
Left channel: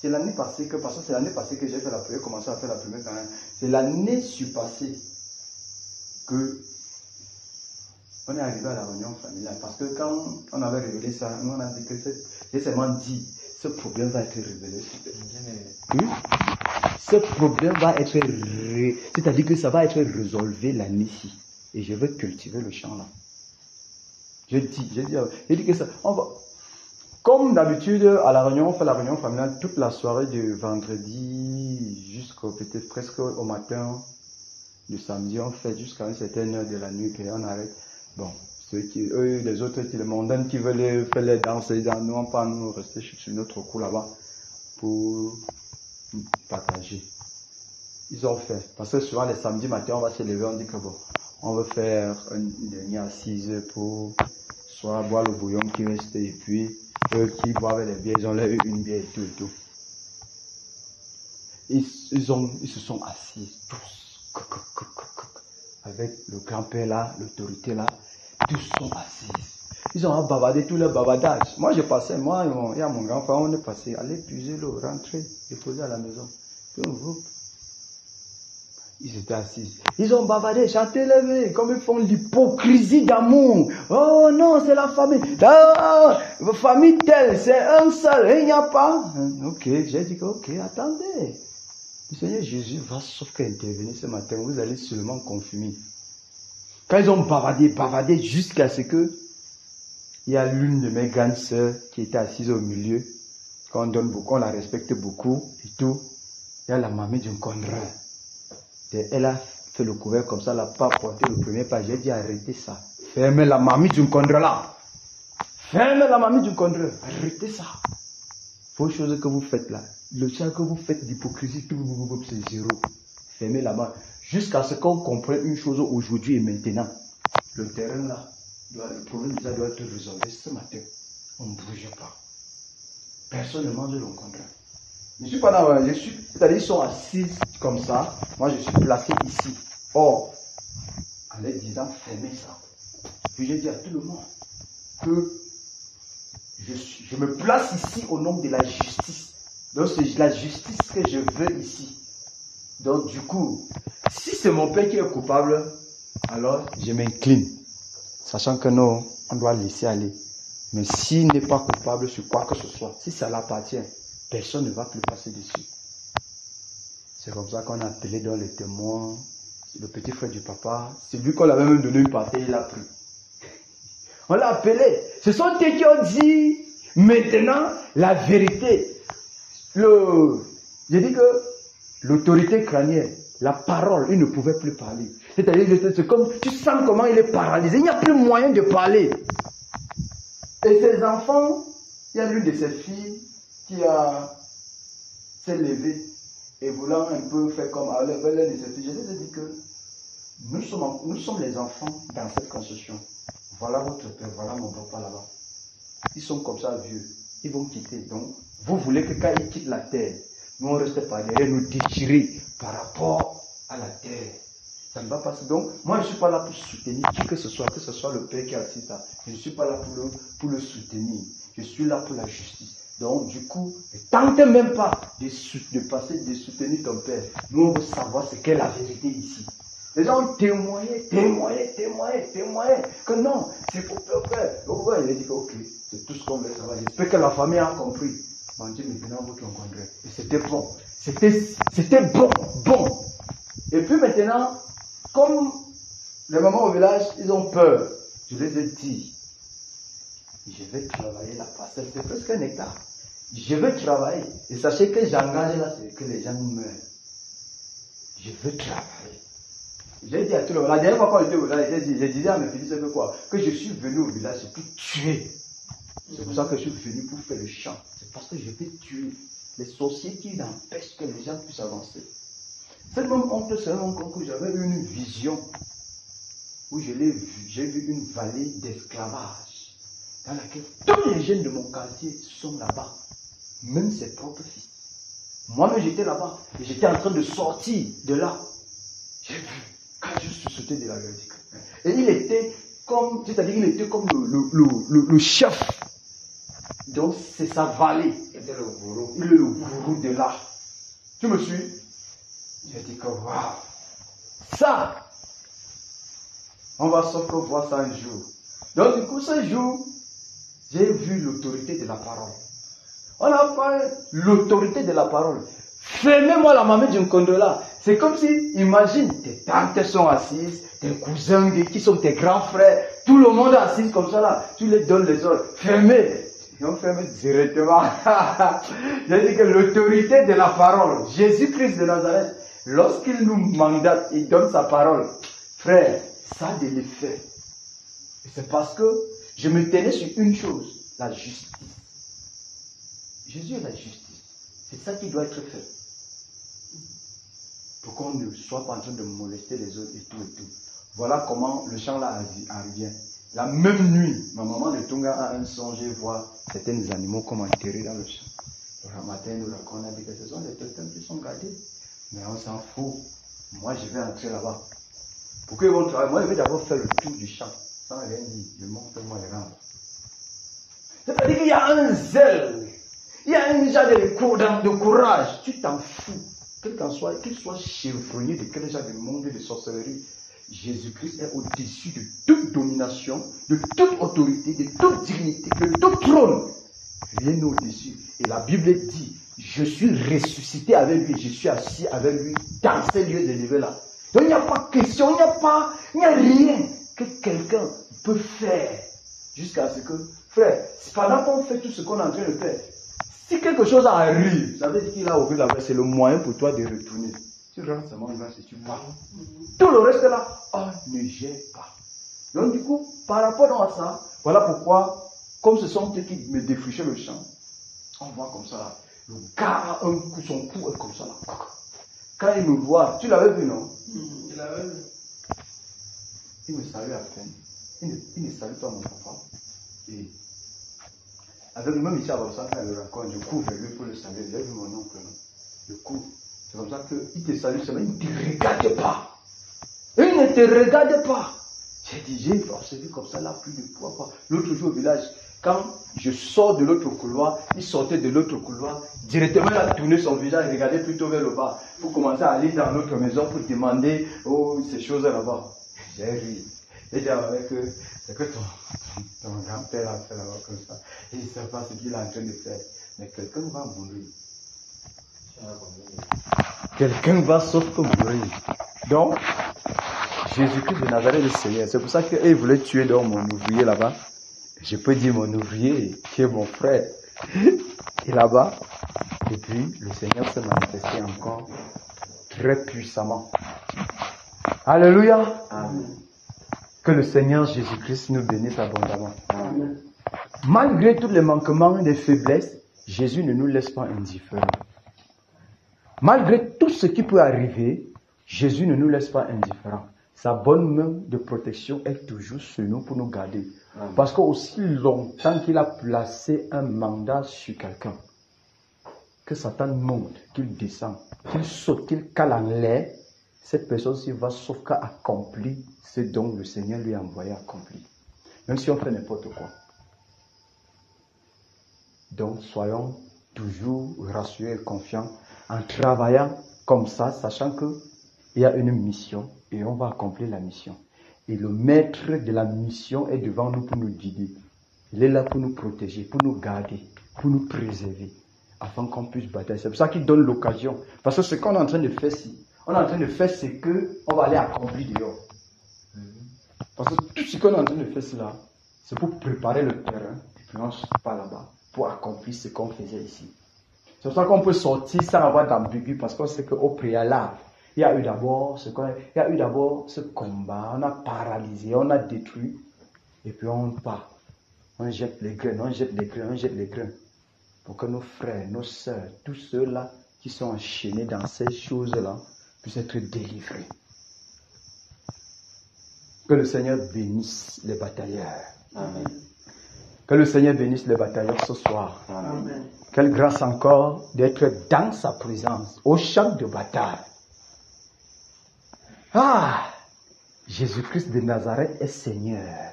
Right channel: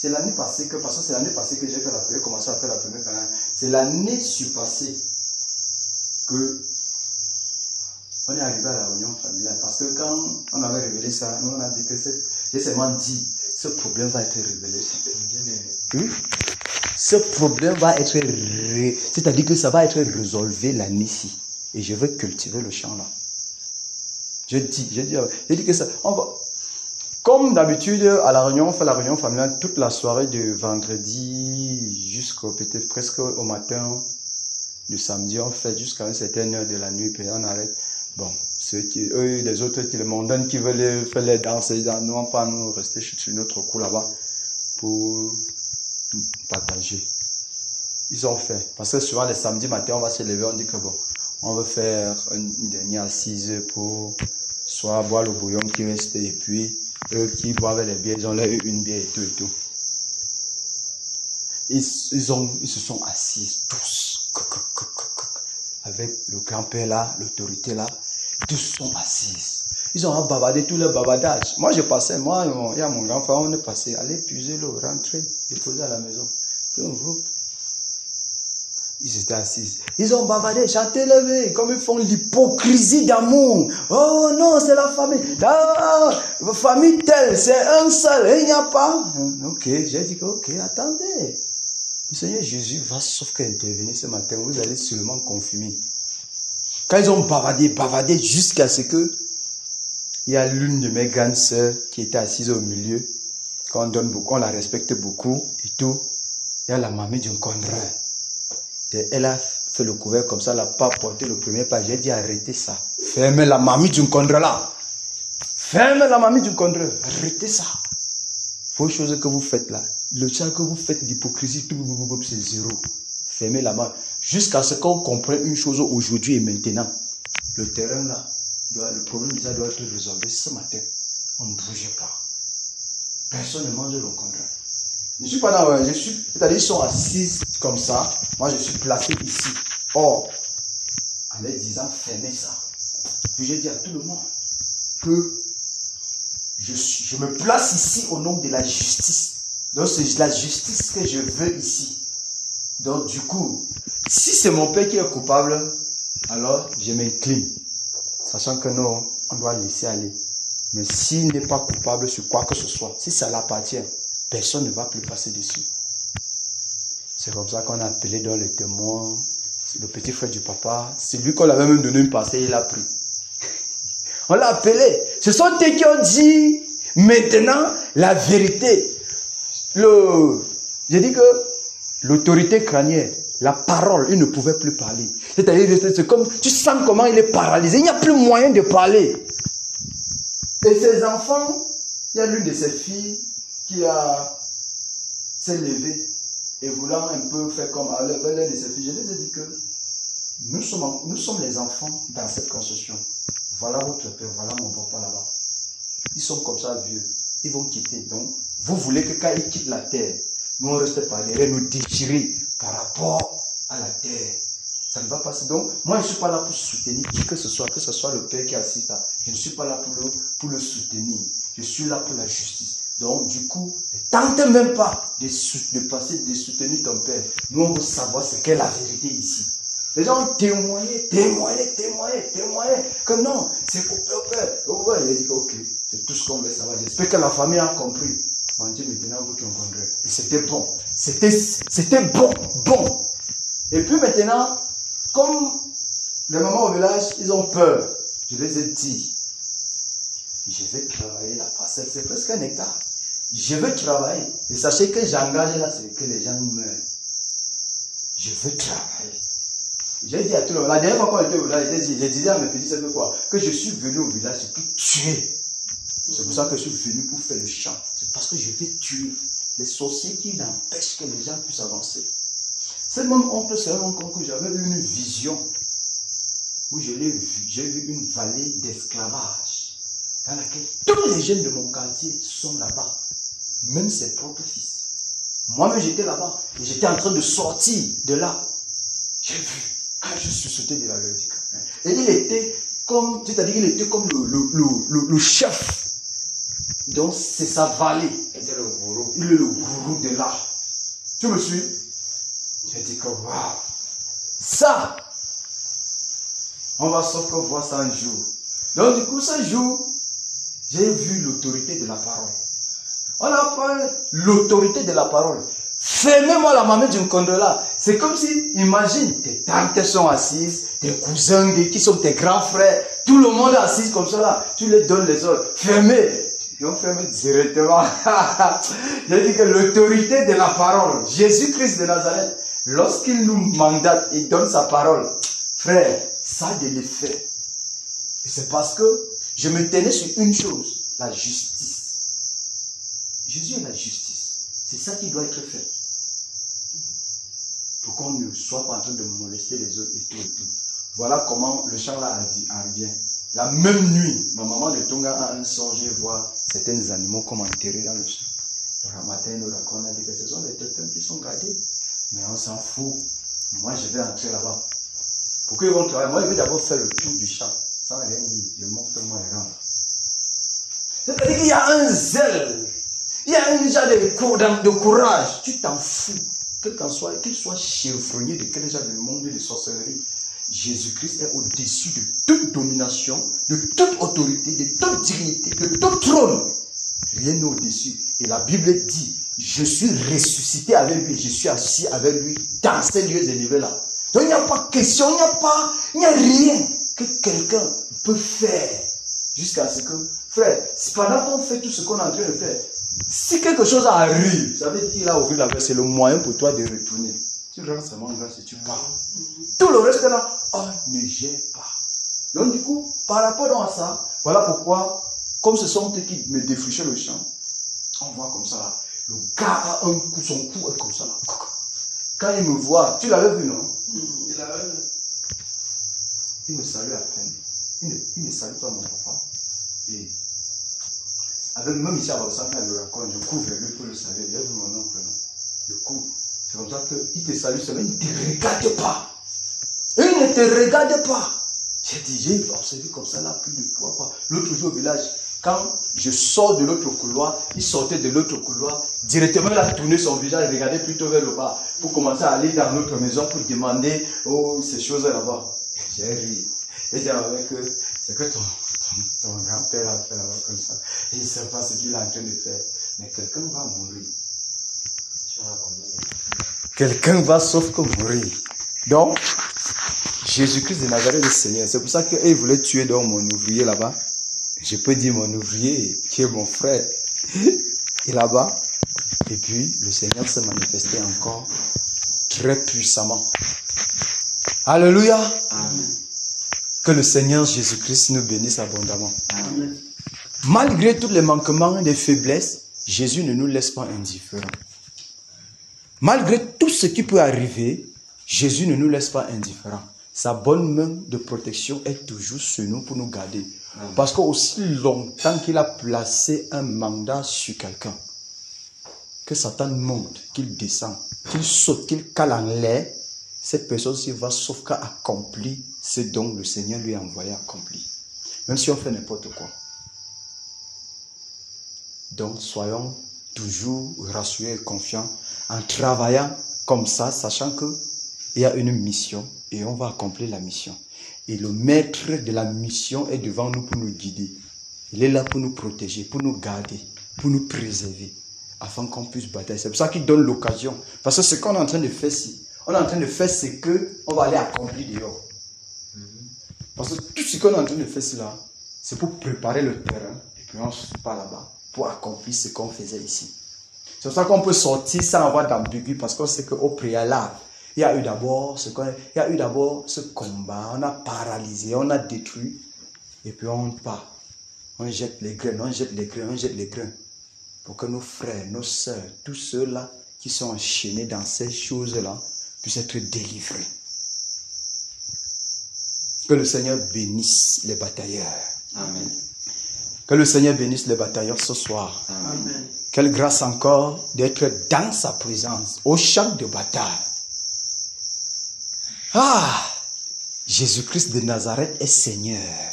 C'est l'année passée que, parce que c'est l'année passée que j'ai fait la première, commencé à faire la première canal. C'est l'année surpassée que on est arrivé à la réunion familiale. Parce que quand on avait révélé ça, nous on a dit que j'ai seulement dit, ce problème va être révélé. Oui. Ce problème va être c'est-à-dire que ça va être résolu l'année-ci. Et je veux cultiver le champ là. Je dis que ça. Comme d'habitude, à la réunion, on fait la réunion familiale toute la soirée de vendredi jusqu'au peut-être presque au matin du samedi. On fait jusqu'à une certaine heure de la nuit, puis on arrête. Bon, eux, les autres, les mondains qui veulent faire les danses, nous, on pas nous rester sur notre coup là-bas pour partager. Ils ont fait. Parce que souvent, les samedis matin, on va se lever, on dit que bon, on veut faire une dernière assise pour soit boire le bouillon qui reste et puis eux qui boivent les bières, ils ont leur une bière et tout et tout. Ils se sont assis tous avec le grand-père là, l'autorité là, tous sont assis. Ils ont bavardé tout leur bavardage. Moi je passais, il y a mon grand-frère, on est passé, allez puiser l'eau, rentrer, déposer à la maison. Puis on groupe. Ils étaient assis. Ils ont bavardé, chanté, levé, comme ils font l'hypocrisie d'amour. Oh non, c'est la famille. Oh, famille telle, c'est un seul, il n'y a pas. Ok, j'ai dit que, ok, attendez. Le Seigneur Jésus va sauf qu'intervenir ce matin, vous allez seulement confirmer. Quand ils ont bavardé jusqu'à ce que, il y a l'une de mes grandes sœurs qui était assise au milieu, qu'on donne beaucoup, on la respecte beaucoup et tout. Il y a la mamie d'un condreur. Elle a fait le couvert comme ça, elle n'a pas porté le premier pas. J'ai dit arrêtez ça. Fermez la mamie du condreur là. Fermez la mamie du condreur. Arrêtez ça. Vos choses que vous faites là. Le chant que vous faites d'hypocrisie, c'est zéro. Fermez la main. Jusqu'à ce qu'on comprenne une chose aujourd'hui et maintenant. Le terrain là, le problème déjà doit être résolu ce matin. On ne bouge pas. Personne ne mange le condreur. Je suis pas là, c'est-à-dire ils sont assis comme ça. Moi, je suis placé ici. Or, en les disant, fermez ça. Puis j'ai dit à tout le monde que je me place ici au nom de la justice. Donc, c'est la justice que je veux ici. Donc, du coup, si c'est mon père qui est coupable, alors je m'incline. Sachant que non, on doit laisser aller. Mais s'il n'est pas coupable sur quoi que ce soit, si ça l'appartient, personne ne va plus passer dessus. C'est comme ça qu'on a appelé dans le témoin, le petit frère du papa. C'est lui qu'on avait même donné une parcelle, il a pris. On l'a appelé. Ce sont eux qui ont dit maintenant la vérité. J'ai dit que l'autorité crânienne, la parole, il ne pouvait plus parler. C'est-à-dire, c'est comme, tu sens comment il est paralysé. Il n'y a plus moyen de parler. Et ses enfants, il y a l'une de ses filles qui s'est levée et voulant un peu faire comme l'une de ses filles. Je les ai dit que nous sommes les enfants dans cette construction. Voilà votre père, voilà mon papa là-bas. Ils sont comme ça vieux. Ils vont quitter. Donc, vous voulez que quand ils quittent la terre, nous on reste par derrière, nous déchirer par rapport à la terre. Ça ne va pas. Donc, moi je ne suis pas là pour soutenir qui que ce soit le père qui assiste là. Je ne suis pas là pour le soutenir. Je suis là pour la justice. Donc, du coup, ne tentez même pas de soutenir ton père. Nous, on veut savoir ce qu'est la vérité ici. Les gens ont témoigné, que non, c'est pour ton père. Il a dit que ok, c'est tout ce qu'on veut savoir. J'espère que la famille a compris. On dit maintenant, vous comprendrez. Et c'était bon. C'était bon. Et puis maintenant, comme les mamans au village, ils ont peur. Je les ai dit, je vais travailler la parcelle, c'est presque 1 hectare. Je veux travailler. Et sachez que j'engage là, c'est que les gens meurent. Je veux travailler. J'ai dit à tout le monde, la dernière fois qu'on était au village, je disais à mes petits, c'est quoi? Que je suis venu au village, c'est pour tuer. C'est pour ça que je suis venu pour faire le champ. C'est parce que je vais tuer les sorciers qui empêchent que les gens puissent avancer. C'est même oncle, c'est un oncle que j'avais eu une vision où j'ai vu une vallée d'esclavage dans laquelle tous les jeunes de mon quartier sont là-bas, même ses propres fils. Moi-même j'étais là-bas et j'étais en train de sortir de là. J'ai vu. Je suis sauté de la vérité. Et il était comme, c'est-à-dire il était comme le chef. Donc c'est sa vallée. Il est le gourou de là. Tu me suis? J'ai dit que waouh, ça, on va sauf que voir ça un jour. Donc du coup ce jour, j'ai vu l'autorité de la parole. On a parlé l'autorité de la parole. Fermez-moi la mamie d'une condola. C'est comme si, imagine, tes tantes sont assises, tes cousins qui sont tes grands frères, tout le monde est assis comme ça là. Tu les donnes les ordres. Fermez. Ils ont fermé directement. J'ai dit que l'autorité de la parole, Jésus-Christ de Nazareth, lorsqu'il nous mandate, il donne sa parole. Frère, ça a de l'effet. Et c'est parce que je me tenais sur une chose, la justice. Jésus est la justice. C'est ça qui doit être fait. Pour qu'on ne soit pas en train de molester les autres et tout. Voilà comment le chant là arrive. La même nuit, ma maman de Tonga a un songe et voit certains animaux comme enterrés dans le champ. Le matin, nous raconte que ce sont des totems qui sont gardés. Mais on s'en fout. Moi, je vais entrer là-bas. Pour qu'ils vont travailler, moi, je vais d'abord faire le tour du champ. Sans rien dire. Je montre moi les rangs. C'est-à-dire qu'il y a un zèle. Il y a un genre de courage. Tu t'en fous. Qu'il soit chevronnier de quel genre de monde de sorcellerie. Jésus-Christ est au-dessus de toute domination, de toute autorité, de toute dignité, de tout trône. Rien n'est au-dessus. Et la Bible dit, je suis ressuscité avec lui, je suis assis avec lui dans ces lieux élevés là. Donc il n'y a pas question, il n'y a rien que quelqu'un peut faire jusqu'à ce que, frère, pendant qu'on fait tout ce qu'on est en train de faire, si quelque chose arrive, ça veut dire qu'il a ouvert la voie, c'est le moyen pour toi de retourner. Tu rentres seulement là, si tu pars. Tout le reste là, on ne gère pas. Donc du coup, par rapport à ça, voilà pourquoi, comme ce sont eux qui me défrichaient le champ, on voit comme ça là, le gars a un coup, son cou est comme ça là. Quand il me voit, tu l'avais vu non? Il l'avait vu. Il me salue à peine. Il ne salue pas mon papa. Et avec même ici à Bossan, quand il me raconte, je couvre lui pour le saluer. J'ai vu mon oncle, non? Je couvre. C'est comme ça qu'il te salue seulement, il ne te regarde pas. Il ne te regarde pas. J'ai observé comme ça, là, plus de poids. L'autre jour au village, quand je sors de l'autre couloir, il sortait de l'autre couloir, directement il a tourné son visage, il regardait plutôt vers le bas, pour commencer à aller dans notre maison pour demander ces choses là-bas. J'ai ri. Et j'ai dit que c'est que ton grand-père a fait là-bas comme ça. Il ne sait pas ce qu'il est en train de faire. Mais quelqu'un va mourir. Quelqu'un va sauf que mourir. Donc, Jésus-Christ de Nazareth est le Seigneur. C'est pour ça qu'il voulait tuer donc mon ouvrier là-bas. Je peux dire mon ouvrier qui est mon frère. Et là-bas. Et puis, le Seigneur s'est manifesté encore très puissamment. Alléluia. Amen. Que le Seigneur Jésus-Christ nous bénisse abondamment. Amen. Malgré tous les manquements et les faiblesses, Jésus ne nous laisse pas indifférents. Malgré tout ce qui peut arriver, Jésus ne nous laisse pas indifférents. Sa bonne main de protection est toujours sur nous pour nous garder. Parce qu'aussi longtemps qu'il a placé un mandat sur quelqu'un, que Satan monte, qu'il descend, qu'il saute, qu'il cale en l'air, cette personne-ci va sauf qu'à accomplir ce dont le Seigneur lui a envoyé accomplir. Même si on fait n'importe quoi. Donc soyons toujours rassurés et confiants en travaillant comme ça, sachant qu'il y a une mission et on va accomplir la mission. Et le maître de la mission est devant nous pour nous guider. Il est là pour nous protéger, pour nous garder, pour nous préserver, afin qu'on puisse batailler. C'est pour ça qu'il donne l'occasion. Parce que ce qu'on est en train de faire ici, on est en train de faire ce qu'on va aller accomplir dehors. Parce que tout ce qu'on est en train de faire là, c'est pour préparer le terrain, et puis on se part là-bas, pour accomplir ce qu'on faisait ici. C'est pour ça qu'on peut sortir sans avoir d'ambigu, parce qu'on sait qu'au préalable, il y a eu d'abord ce combat, on a paralysé, on a détruit, et puis on part. On jette les graines, on jette les graines, on jette les graines. Pour que nos frères, nos sœurs, tous ceux-là qui sont enchaînés dans ces choses-là, puissent être délivrés. Que le Seigneur bénisse les batailleurs. Amen. Que le Seigneur bénisse les batailleurs ce soir. Amen. Quelle grâce encore d'être dans sa présence, au champ de bataille. Ah, Jésus-Christ de Nazareth est Seigneur.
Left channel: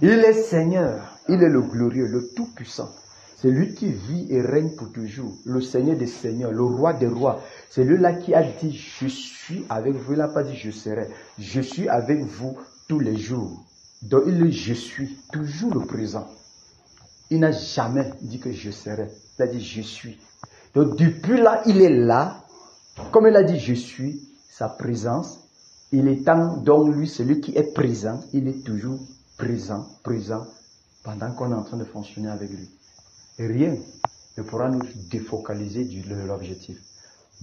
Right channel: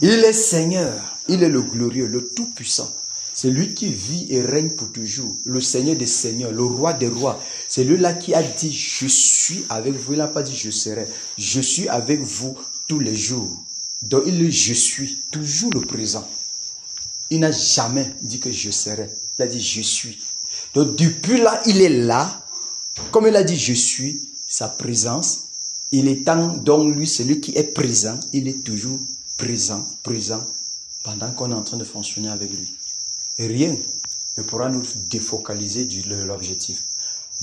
Il est Seigneur, il est le glorieux, le tout-puissant. C'est lui qui vit et règne pour toujours, le Seigneur des seigneurs, le roi des rois. C'est lui-là qui a dit, je suis avec vous. Il n'a pas dit, je serai. Je suis avec vous tous les jours. Donc il dit, je suis, toujours le présent. Il n'a jamais dit que je serai. Il a dit, je suis. Donc depuis là, il est là. Comme il a dit, je suis, sa présence. Il est temps, donc lui, celui qui est présent, il est toujours présent, pendant qu'on est en train de fonctionner avec lui. Et rien ne pourra nous défocaliser de l'objectif.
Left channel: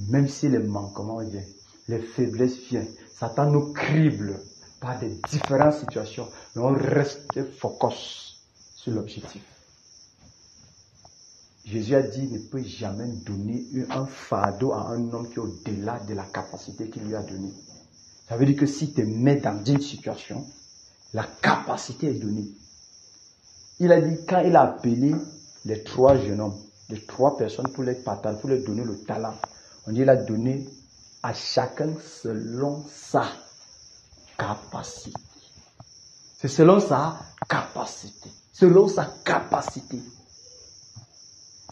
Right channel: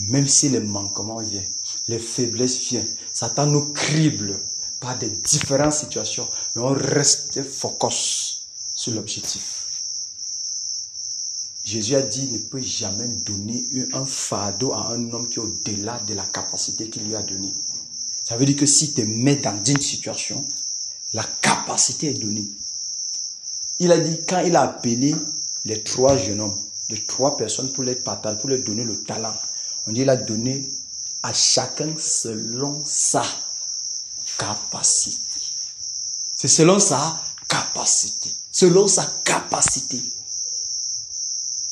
Même si les manquements viennent, les faiblesses viennent, Satan nous crible par des différentes situations, mais on reste focus sur l'objectif. Jésus a dit, ne peut jamais donner un fardeau à un homme qui est au-delà de la capacité qu'il lui a donnée. Ça veut dire que si tu te mets dans une situation, la capacité est donnée. Il a dit, quand il a appelé les 3 jeunes hommes, les 3 personnes pour les partager, pour leur donner le talent, on dit, il a donné à chacun selon sa capacité. C'est selon sa capacité. Selon sa capacité.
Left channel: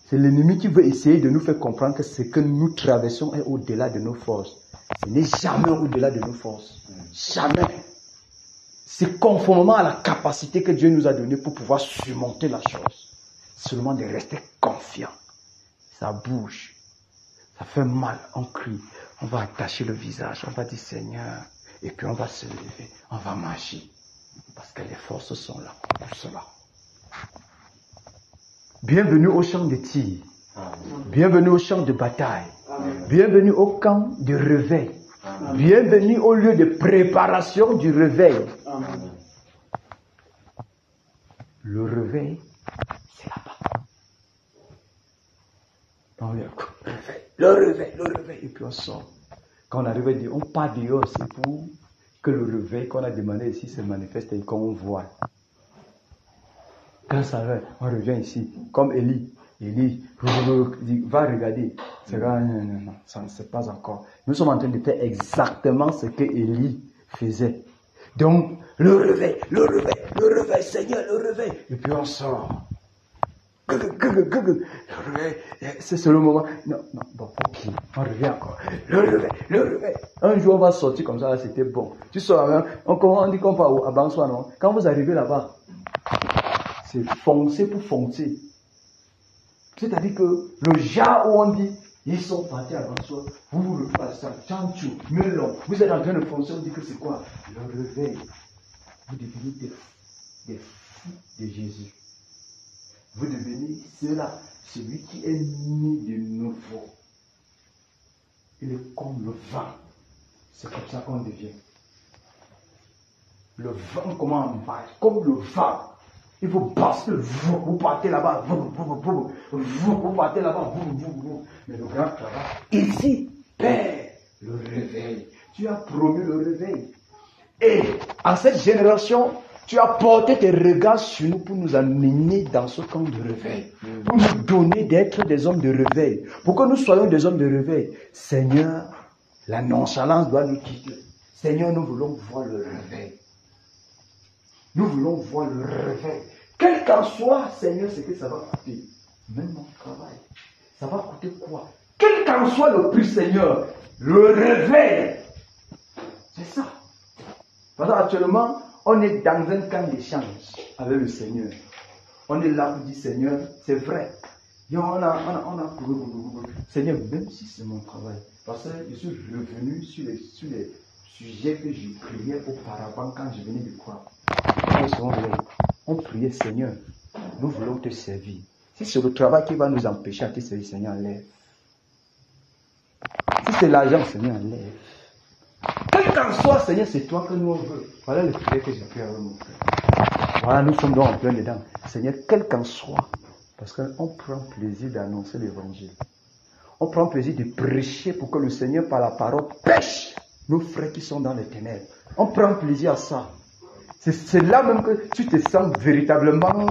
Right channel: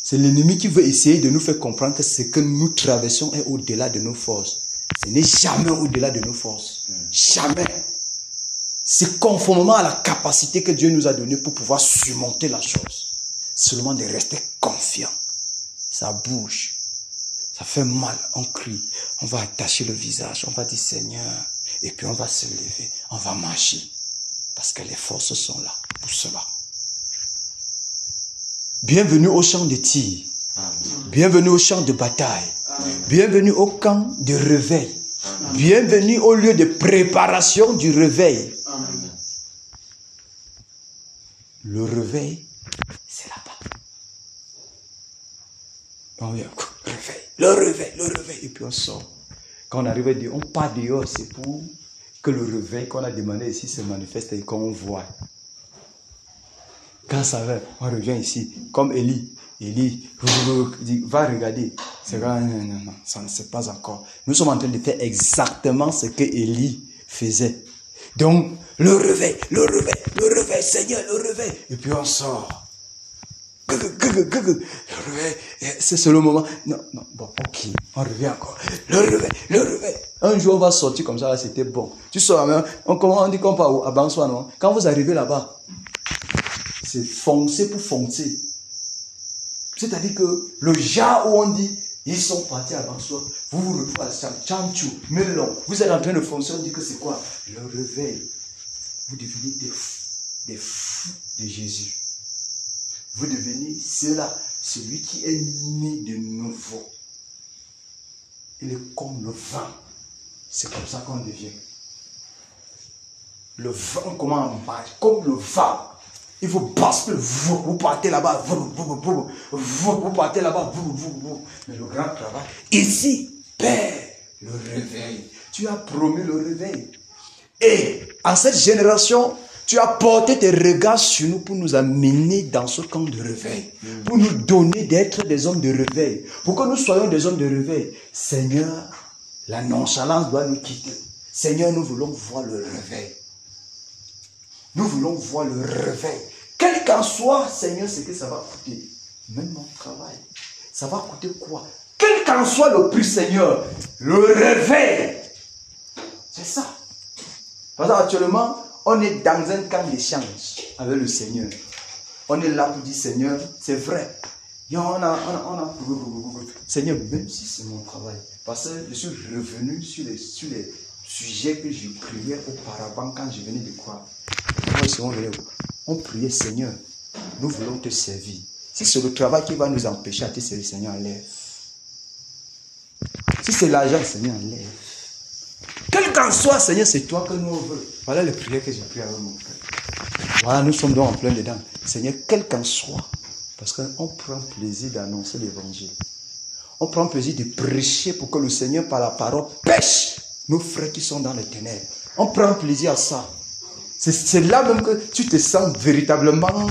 C'est l'ennemi qui veut essayer de nous faire comprendre que ce que nous traversons est au-delà de nos forces. Ce n'est jamais au-delà de nos forces. Jamais. C'est conformément à la capacité que Dieu nous a donnée pour pouvoir surmonter la chose. Seulement de rester confiant. Ça bouge. Ça fait mal. On crie. On va attacher le visage. On va dire Seigneur. Et puis on va se lever. On va marcher. Parce que les forces sont là. Pour cela. Bienvenue au champ de tir. Bienvenue au champ de bataille. Bienvenue au camp de réveil. Bienvenue au lieu de préparation du réveil. Le réveil, c'est là-bas. On vient, le réveil. Et puis on sort. Quand on arrive, on part dehors, c'est pour que le réveil qu'on a demandé ici se manifeste et qu'on voit. Quand ça va, on revient ici, comme Élie dit, va regarder. C'est non, ça ne sait pas encore. Nous sommes en train de faire exactement ce que Élie faisait. Donc, le réveil, Seigneur, le réveil. Et puis on sort. Le réveil, c'est le moment. Non, bon, ok, on revient encore. Le réveil. Un jour, on va sortir comme ça, c'était bon. Tu sors là, on dit qu'on part à Bansoa, non? Quand vous arrivez là-bas, c'est foncer pour foncer. C'est-à-dire que le genre où on dit, ils sont partis à Bansoa, vous vous retrouvez à Chanchou, Melon, vous êtes en train de foncer, on dit que c'est quoi? Le réveil. Vous devenez des fous de Jésus. Vous devenez celui qui est né de nouveau. il est comme le vent. C'est comme ça qu'on devient. Le vent, comment on marche? Comme le vent. Il faut basculer. Vous partez là-bas. Vous partez là-bas. Mais le grand travail, ici, Père, le réveil. Tu as promis le réveil. Et en cette génération, tu as porté tes regards sur nous pour nous amener dans ce camp de réveil. Pour nous donner d'être des hommes de réveil. Pour que nous soyons des hommes de réveil. Seigneur, la nonchalance doit nous quitter. Seigneur, nous voulons voir le réveil. Nous voulons voir le réveil. Quel qu'en soit, Seigneur, ce que ça va coûter. Même mon travail. Ça va coûter quoi? Quel qu'en soit le prix, Seigneur, le réveil. C'est ça. Parce qu'actuellement, on est dans un camp d'échange avec le Seigneur. On est là pour dire, Seigneur, c'est vrai. Seigneur, même si c'est mon travail, parce que je suis revenu sur les sujets que je priais auparavant quand je venais de croire. On priait, Seigneur, nous voulons te servir. Si c'est le travail qui va nous empêcher à te servir, Seigneur, enlève. Si c'est l'argent, Seigneur, enlève. Quel qu'en soit, Seigneur, c'est toi que nous voulons. Voilà le prière que j'ai prié avec mon frère. Voilà, nous sommes donc en plein dedans. Seigneur, quel qu'en soit, parce qu'on prend plaisir d'annoncer l'évangile. On prend plaisir de prêcher pour que le Seigneur, par la parole, pêche nos frères qui sont dans les ténèbres. On prend plaisir à ça. C'est là même que tu te sens véritablement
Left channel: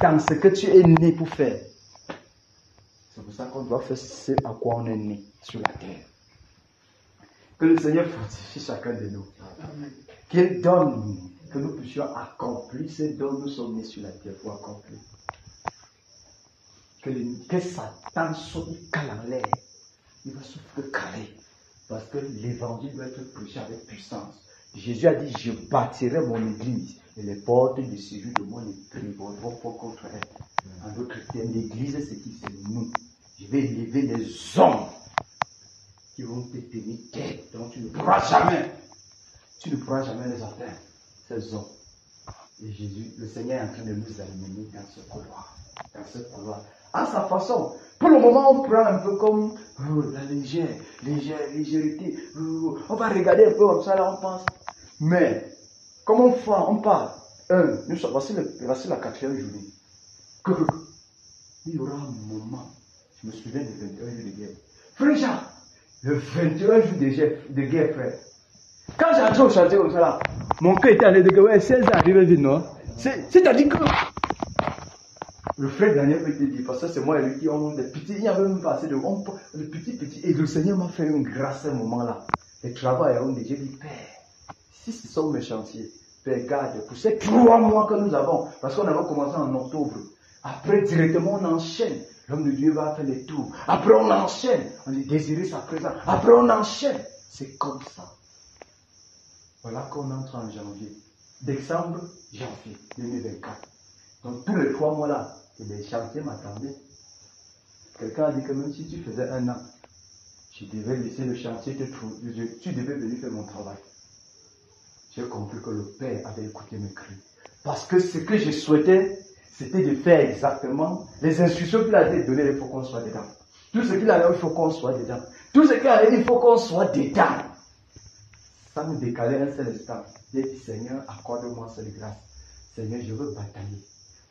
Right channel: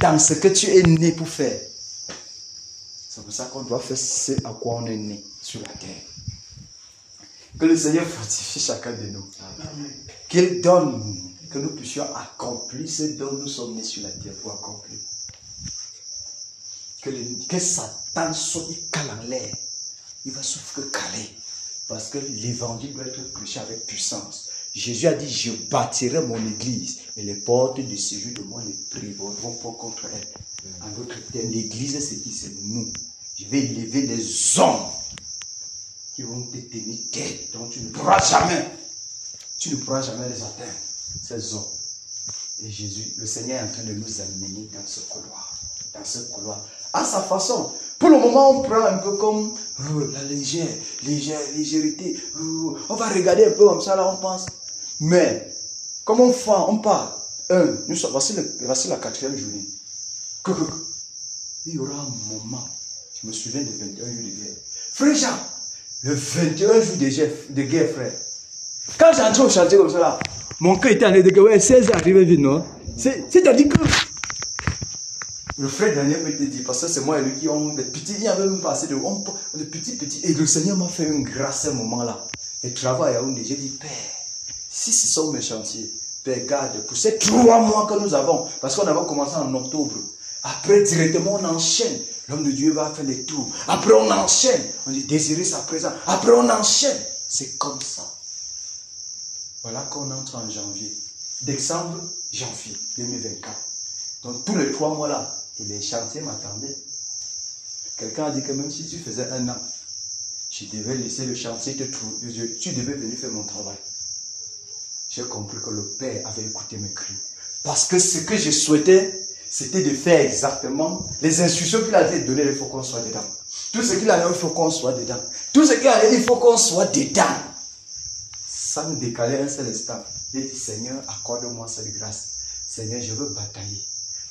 dans ce que tu es né pour faire. C'est pour ça qu'on doit faire ce à quoi on est né sur la terre. Que le Seigneur fortifie chacun de nous. Qu'il donne, que nous puissions accomplir ce dont nous sommes nés sur la terre pour accomplir. Que Satan soit, il cale en l'air. Il va souffrir caler. Parce que l'évangile doit être prêché avec puissance. Jésus a dit, je bâtirai mon église et les portes de séjour de moi les prévaudront pas contre elle. En d'autres termes, l'église, c'est qui? C'est nous. Je vais élever des hommes qui vont te tenir tête, donc tu ne pourras jamais les atteindre, ces hommes. Et Jésus, le Seigneur est en train de nous amener dans ce couloir, à sa façon. Pour le moment, on prend un peu comme la légèreté. On va regarder un peu comme ça, là, on pense. Mais, comme on fait, on parle. Voici la 4e journée. Il y aura un moment, je me souviens des 21 jours de guerre. Frère Jean, le 21 jours de guerre, frère. Quand j'entrais au chantier comme ça, là, mon cœur était en train de dire, ouais, 16 heures arrivé vite, non? C'est-à-dire que le frère Daniel peut te dire, parce que c'est moi et lui qui ont des petits, il y avait même passé de petits, et le Seigneur m'a fait une grâce à ce moment-là. Et travail à Yaoundé, j'ai dit, Père, si ce sont mes chantiers, Père, garde, pour ces 3 mois que nous avons, parce qu'on avait commencé en octobre, après directement on enchaîne, l'homme de Dieu va faire les tours, après on enchaîne, on dit désirer sa présence, après on enchaîne, c'est comme ça. Voilà qu'on entre en janvier, décembre, janvier 2024. Donc tous les 3 mois là, et les chantiers m'attendaient. Quelqu'un a dit que même si tu faisais 1 an, je devais laisser le chantier te trouver. Tu devais venir faire mon travail. J'ai compris que le Père avait écouté mes cris. Parce que ce que je souhaitais, c'était de faire exactement les instructions qu'il avait données, il faut qu'on soit dedans. Tout ce qu'il a dit, il faut qu'on soit dedans. Tout ce qu'il a dit, il faut qu'on soit dedans. Sans me décaler un seul instant. J'ai dit, Seigneur, accorde-moi cette grâce. Seigneur, je veux batailler.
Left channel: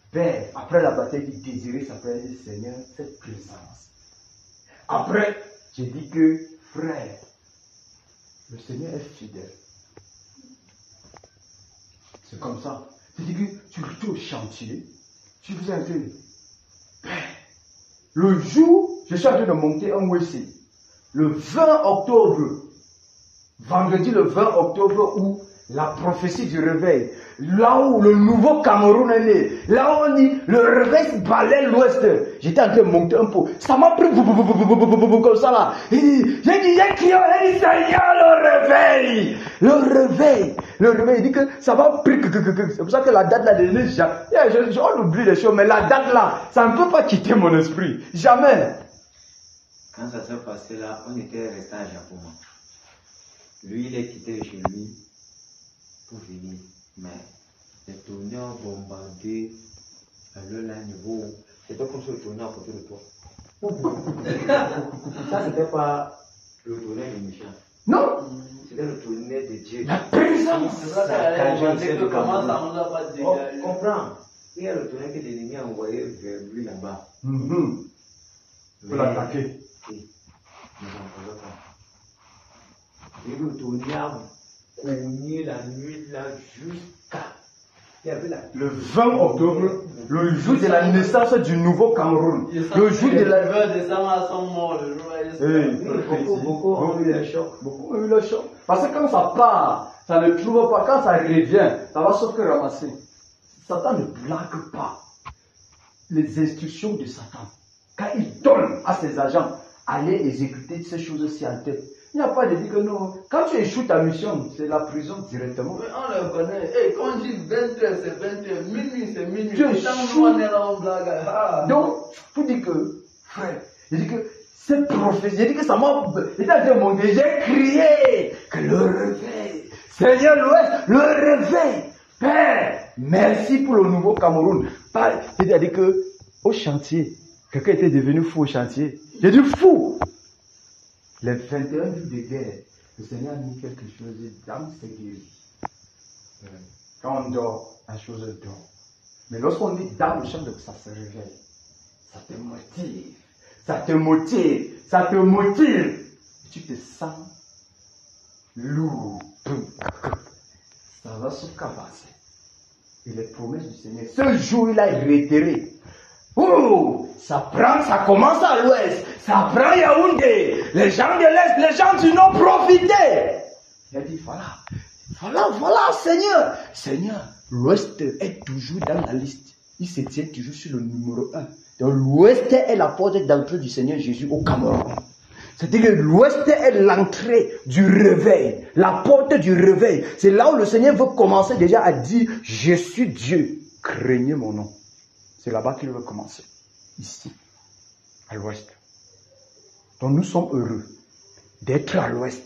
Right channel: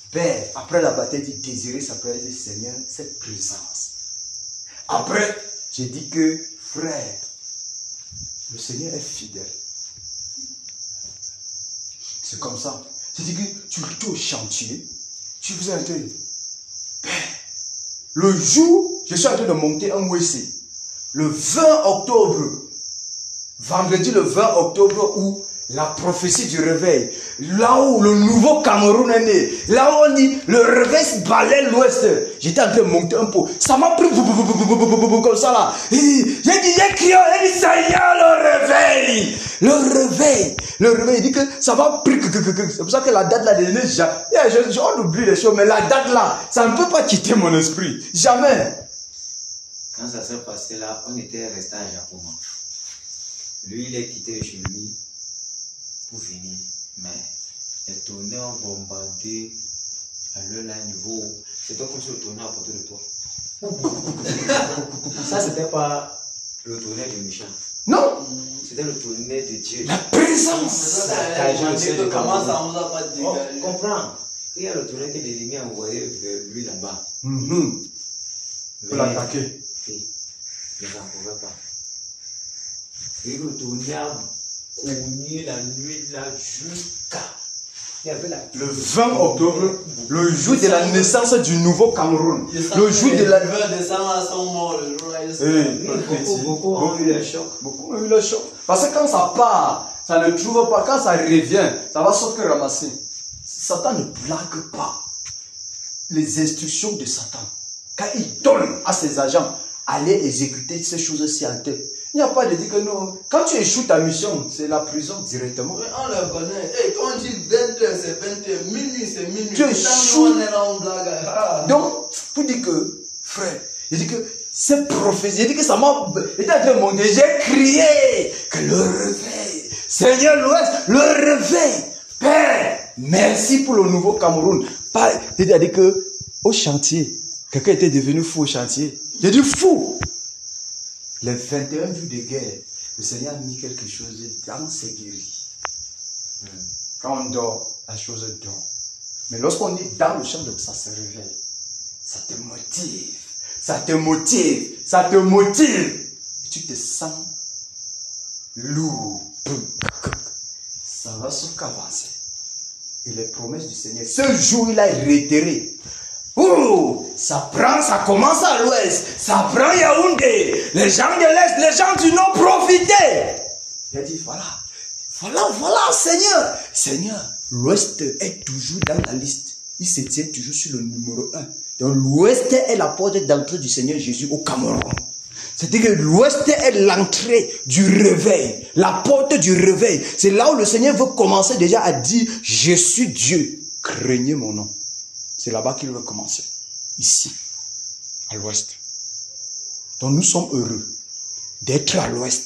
Père, après la bataille, j'ai désiré sa présence. J'ai dit, Seigneur, cette présence. Après, j'ai dit que, frère, le Seigneur est fidèle. C'est comme ça. J'ai dit que tu es au chantier, tu faisais un truc. Père, le jour, je suis en train de monter un WC. Le 20 octobre, vendredi le 20 octobre, où la prophétie du réveil, là où le nouveau Cameroun est né, là où on dit le réveil se balaie l'ouest, j'étais en train de monter un peu, ça m'a pris comme ça là, j'ai crié, j'ai dit Seigneur, le réveil, il dit que ça va pris, c'est pour ça que la date là, on oublie les choses, mais la date là, ça ne peut pas quitter mon esprit, jamais. Quand ça s'est passé là, on était resté à Japon. Lui, il est quitté chez lui pour venir. Mais les tonnerres ont bombardé à l'heure là, niveau. C'est toi comme si le tonnerre à côté de toi. Ça, c'était pas le tonnerre des méchants. Non. C'était le tonnerre de Dieu. La présence. Ça commence à nous a pas dégagé. Comprends. Il y a le tonnerre que l'ennemi a envoyé vers lui là-bas. Pour l'attaquer. Oui. Mais ça ne pouvait pas. Et le tonnerre a cogné la nuit là jusqu'à. Il y avait le 20 octobre, le jour de la naissance du nouveau Cameroun. Le jour de la. Beaucoup ont eu le choc. Beaucoup ont eu le choc. Parce que quand ça part, ça ne trouve pas. Quand ça revient, ça va sauf que ramasser. Satan ne blague pas les instructions de Satan. Quand il donne à ses agents, allez exécuter ces choses-ci en tête. Il n'y a pas de dire que non. Quand tu échoues ta mission, c'est la prison directement. Oui, on le connaît. Hey, quand on dit 20h, c'est 20h. Minuit, c'est minuit. Tu échoues. Donc, pour dire que, frère, il dit que cette prophétie, il dit que ça m'a. Il a dit, mon Dieu, j'ai crié que le réveil. Seigneur l'Ouest, le réveil. Père, merci pour le nouveau Cameroun. Il a dit que au chantier, quelqu'un était devenu fou au chantier. Il a dit fou. Les 21 jours de guerre, le Seigneur a mis quelque chose dans ses guéris. Quand on dort, la chose dort. Mais lorsqu'on est dans le champ, ça se réveille. Ça te motive. Ça te motive. Ça te motive. Et tu te sens lourd. Ça va se avancer. Et les promesses du Seigneur, ce jour, il a réitéré. Oh, ça prend, ça commence à l'ouest, ça prend Yaoundé, les gens de l'est, les gens du nord, profitez. Il a dit, voilà, Seigneur. Seigneur, l'ouest est toujours dans la liste. Il se tient toujours sur le numéro 1. Donc l'ouest est la porte d'entrée du Seigneur Jésus au Cameroun. C'est-à-dire que l'ouest est l'entrée du réveil, la porte du réveil. C'est là où le Seigneur veut commencer déjà à dire, je suis Dieu, craignez mon nom. C'est là-bas qu'il veut commencer. Ici, à l'ouest. Donc nous sommes heureux d'être à l'ouest.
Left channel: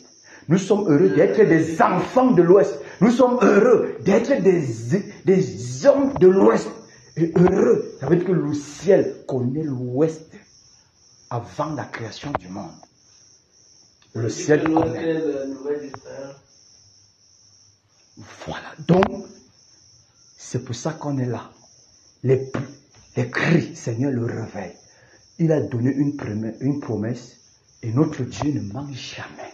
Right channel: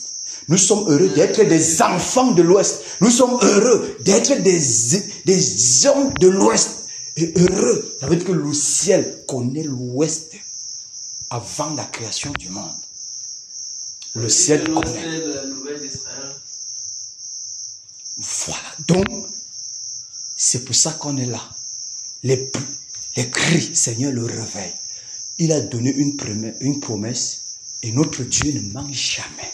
Nous sommes heureux d'être des enfants de l'ouest. Nous sommes heureux d'être des hommes de l'ouest. Et heureux, ça veut dire que le ciel connaît l'ouest avant la création du monde. Le ciel connaît. Voilà. Donc, c'est pour ça qu'on est là. Les cris, Seigneur, le réveil. Il a donné une promesse et notre Dieu ne ment jamais.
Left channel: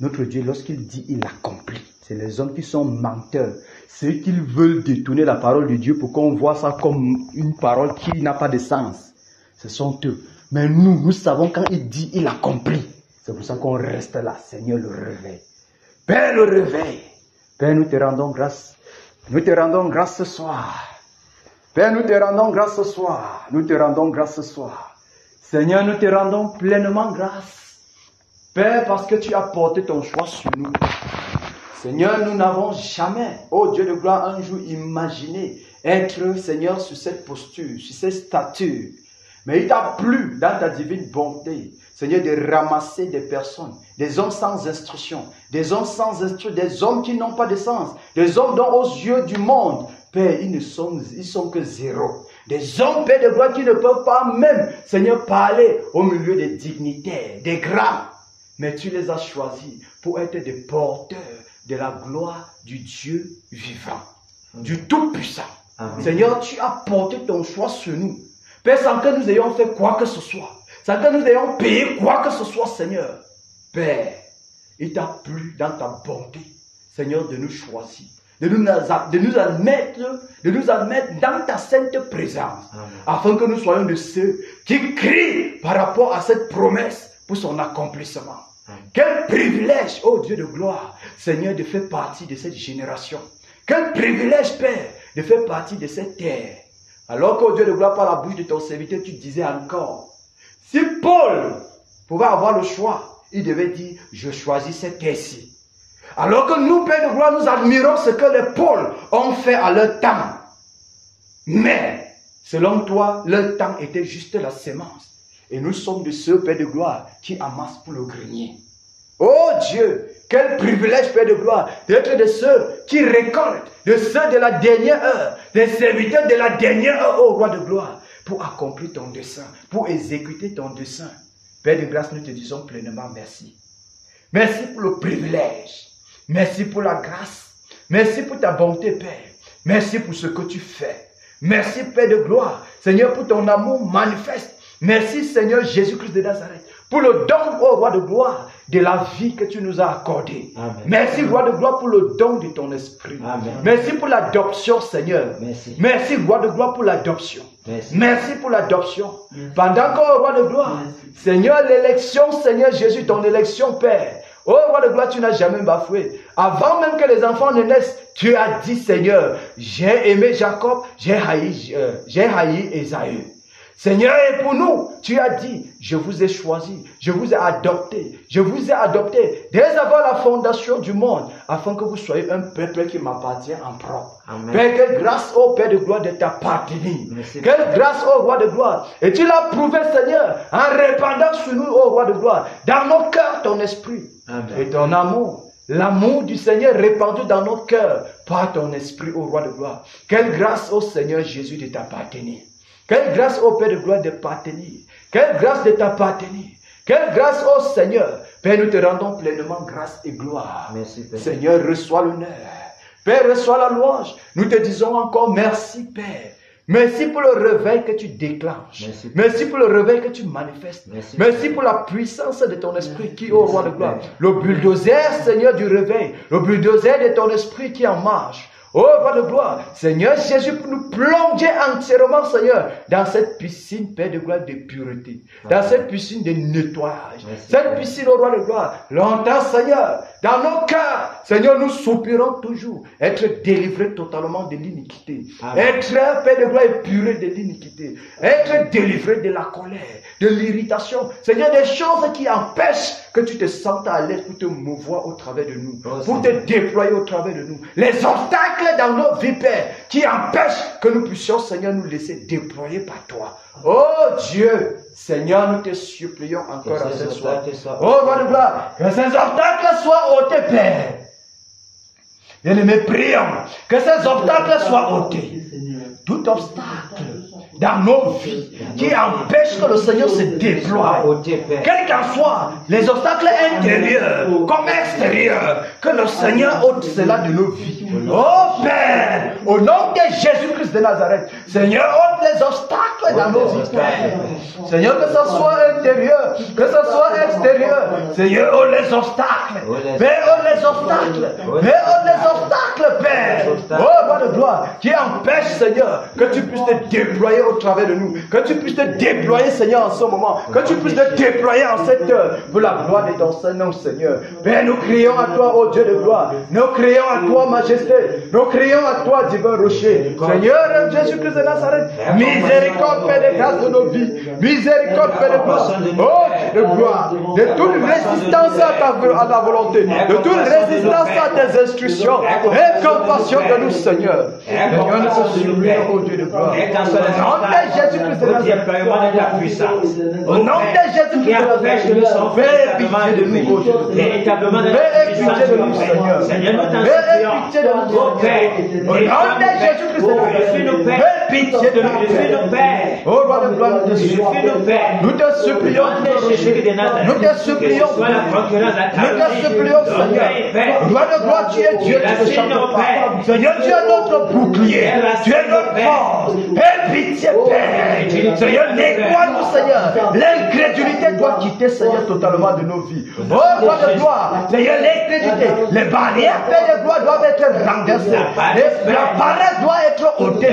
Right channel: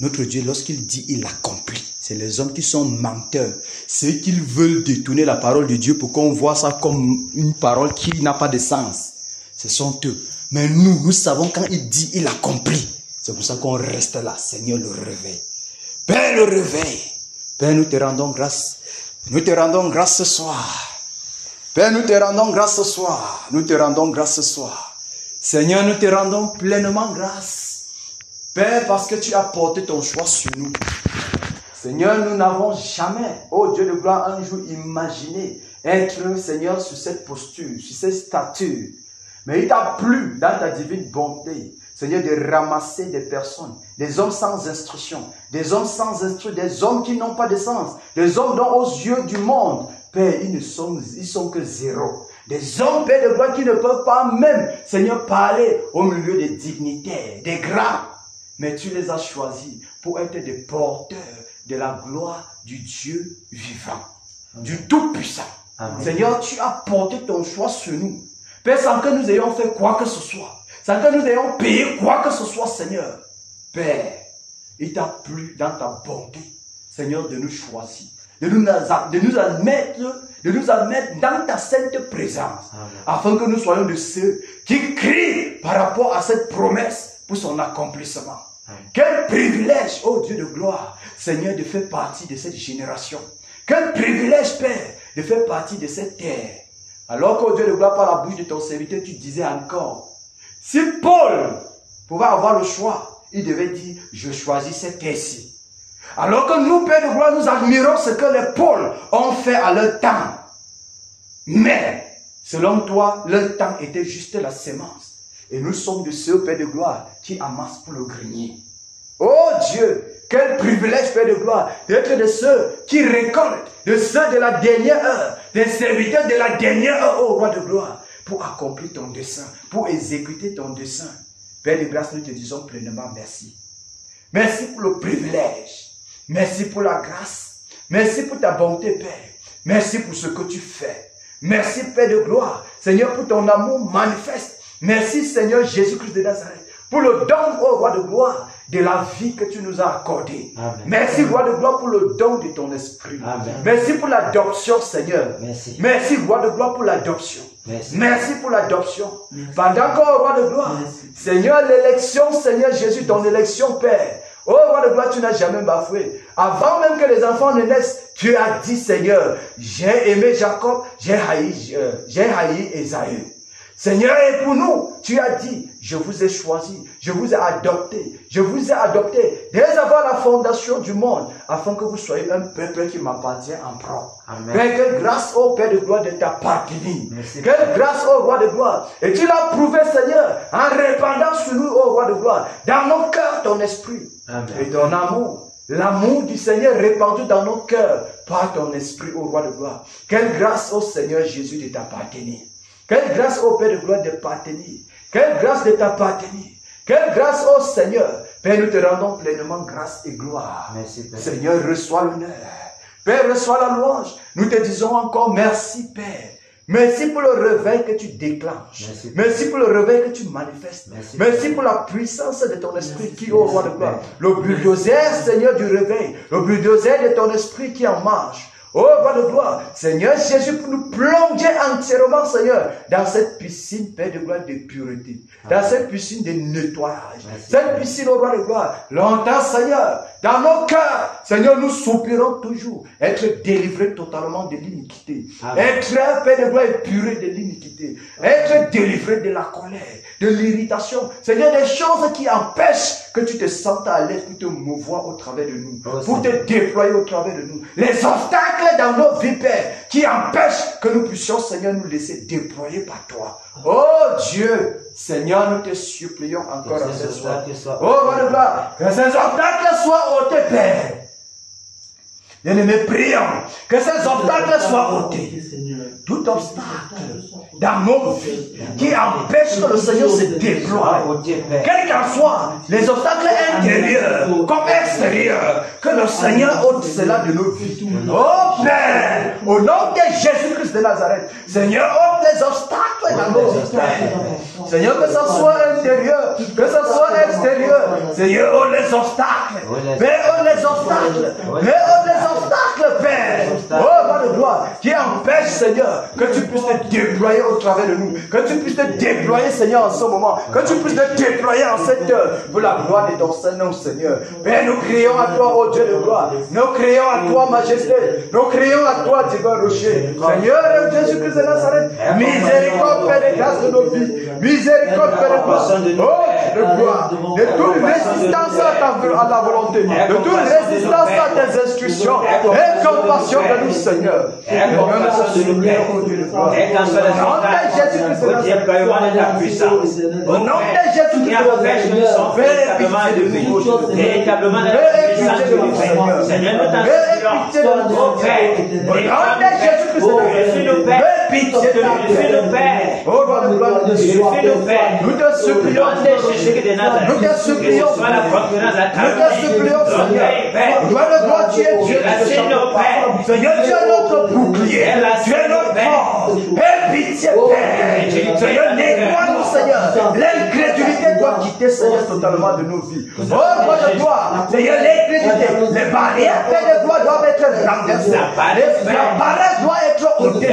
Notre Dieu, lorsqu'il dit, il accomplit. C'est les hommes qui sont menteurs. Ceux qui veulent détourner la parole de Dieu pour qu'on voit ça comme une parole qui n'a pas de sens. Ce sont eux. Mais nous savons quand il dit, il accomplit. C'est pour ça qu'on reste là. Seigneur, le réveil. Père, le réveil. Père, nous te rendons grâce. Nous te rendons grâce ce soir. Père, nous te rendons grâce ce soir. Nous te rendons grâce ce soir. Seigneur, nous te rendons pleinement grâce. Père, parce que tu as porté ton choix sur nous. Seigneur, nous n'avons jamais, oh Dieu de gloire, un jour imaginé être, Seigneur, sur cette posture, sur cette stature. Mais il t'a plu, dans ta divine bonté, Seigneur, de ramasser des personnes, des hommes sans instruction, des hommes sans instruction, des hommes qui n'ont pas de sens, des hommes dont aux yeux du monde, Père, ils sont que zéro. Des hommes, Père de gloire, qui ne peuvent pas même, Seigneur, parler au milieu des dignitaires, des grands. Mais tu les as choisis pour être des porteurs de la gloire du Dieu vivant, du Tout-Puissant. Seigneur, tu as porté ton choix sur nous. Père, sans que nous ayons fait quoi que ce soit, sans que nous ayons payé quoi que ce soit, Seigneur. Père, il t'a plu dans ta bonté, Seigneur, de nous choisir, de nous admettre dans ta sainte présence, afin que nous soyons de ceux qui crient par rapport à cette promesse pour son accomplissement. Quel privilège, oh Dieu de gloire, Seigneur, de faire partie de cette génération. Quel privilège, Père, de faire partie de cette terre. Alors qu'au Dieu de gloire, par la bouche de ton serviteur, tu disais encore, si Paul pouvait avoir le choix, il devait dire, je choisis cette terre-ci. Alors que nous, Père de gloire, nous admirons ce que les Pauls ont fait à leur temps. Mais, selon toi, leur temps était juste la sémence. Et nous sommes de ceux, Père de gloire, qui amassent pour le grenier. Oh Dieu, quel privilège, Père de gloire, d'être de ceux qui récoltent, de ceux de la dernière heure, des serviteurs de la dernière heure, oh roi de gloire. pour accomplir ton dessein, pour exécuter ton dessein. Père de grâce, nous te disons pleinement merci. Merci pour le privilège. Merci pour la grâce. Merci pour ta bonté, Père. Merci pour ce que tu fais. Merci, Père de gloire. Seigneur, pour ton amour manifeste. Merci, Seigneur Jésus-Christ de Nazareth, pour le don, ô roi de gloire, de la vie que tu nous as accordée. Merci, roi de gloire, pour le don de ton esprit. Amen. Merci pour l'adoption, Seigneur. Merci. Merci, roi de gloire, pour l'adoption. Merci pour l'adoption. Pendant que, roi de gloire, Seigneur, l'élection, Seigneur Jésus, ton élection, Père. Oh, roi de gloire, tu n'as jamais bafoué. Avant même que les enfants ne naissent, tu as dit, Seigneur, j'ai aimé Jacob, j'ai haï Ésaü. Seigneur, et pour nous, tu as dit, je vous ai choisi, je vous ai adopté dès avant la fondation du monde, afin que vous soyez un peuple qui m'appartient en propre. Père, quelle grâce, ô Père de gloire, de t'appartenir. Quelle grâce, ô roi de gloire. Et tu l'as prouvé, Seigneur, en répandant sur nous, ô roi de gloire, dans nos cœurs, ton esprit. Amen. Et ton amour. L'amour du Seigneur répandu dans nos cœurs par ton esprit, ô roi de gloire. Quelle grâce, ô Seigneur Jésus, de t'appartenir. Quelle grâce, ô Père de gloire, de t'appartenir. Quelle grâce de t'appartenir. Quelle grâce, ô Seigneur. Père, nous te rendons pleinement grâce et gloire. Merci, Père. Seigneur, reçois l'honneur. Père, reçois la louange. Nous te disons encore merci, Père. Merci pour le réveil que tu déclenches. Merci pour le réveil que tu manifestes. Merci pour la puissance de ton esprit qui est au roi de gloire. Le bulldozer, Seigneur, du réveil. Le bulldozer de ton esprit qui en marche. Oh, roi de gloire, Seigneur Jésus, pour nous plonger entièrement, Seigneur, dans cette piscine, Père de gloire, de pureté, dans cette piscine de nettoyage, cette piscine, oh roi de gloire, longtemps, Seigneur, dans nos cœurs, Seigneur, nous soupirons toujours, être délivrés totalement de l'iniquité, être, Père de gloire, épuré de l'iniquité, être délivré de la colère, de l'irritation, Seigneur, des choses qui empêchent que tu te sentes à l'aise pour te mouvoir au travers de nous, pour te déployer au travers de nous, les obstacles dans nos vies, Père, qui empêchent que nous puissions, Seigneur, nous laisser déployer par toi. Oh Dieu, Seigneur, nous te supplions encore en ce soir. Oh, roi de gloire, que ces obstacles soient ôtés, Père. Bien-aimés, prions que ces obstacles soient ôtés. Tout obstacle dans nos vies qui empêche que le Seigneur se déploie, quel qu'en soit les obstacles intérieurs comme extérieurs, que le Seigneur ôte cela de nos vies. Oh Père, au nom de Jésus-Christ de Nazareth, Seigneur, ôte les obstacles dans nos vies. Seigneur, que ce soit intérieur, que ce soit extérieur, Seigneur, ôte les obstacles. Père, ôte les obstacles. Père, ôte les obstacles, Père. Oh, roi de gloire, qui empêche, Seigneur, que tu puisses te déployer au travers de nous, que tu puisses te déployer, Seigneur, en ce moment, que tu puisses te déployer en cette heure, pour la gloire de ton Saint-Nom, Seigneur. Père, nous crions à toi, ô Dieu de gloire, nous crions à toi, Majesté, nous crions à toi, divin rocher, Seigneur, Jésus-Christ de Nazareth, miséricorde, Père de grâce de nos vies, miséricorde, Père de gloire, oh Dieu de gloire, de toute résistance à ta volonté, de toute résistance à tes instructions, et compassion de nous, Seigneur. Seigneur, nous te supplions, ô Dieu de gloire, au nom de Jésus-Christ, fais pitié de nous, véritablement de la puissance de nous, Seigneur, nous t'en supplions, Père, au nom de Jésus-Christ, fais pitié de nous, Père, oh roi de gloire, nous te supplions, nous te supplions, Seigneur, roi de gloire, tu es Dieu, Seigneur, tu es notre bouclier, tu es notre force, aie pitié, Père, Seigneur, nettoie-nous, Seigneur, l'incrédulité doit quitter, Seigneur, totalement de nos vies, oh roi de gloire, Seigneur, l'incrédulité, les barrières, Père de gloire, doivent être renversées, la barrière doit être ôtée,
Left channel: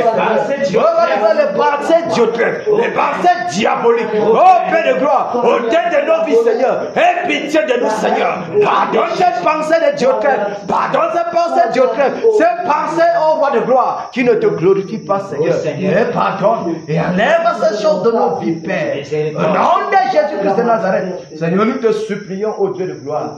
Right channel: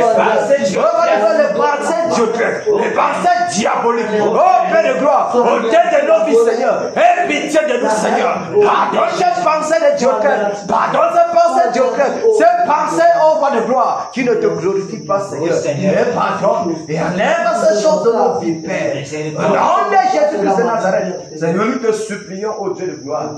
les pensées diaboliques, oh Père de gloire, ôtez de nos vies, Seigneur, aie pitié de nous, Seigneur, pardonne ces pensées de Dioclès, pardonne ces pensées de Dioclès, ces pensées, oh roi de gloire, qui ne te glorifient pas, Seigneur, mais pardonne et enlève ces choses de nos vies, Père, au nom de Jésus-Christ de Nazareth, Seigneur, nous te supplions, ô Dieu de gloire.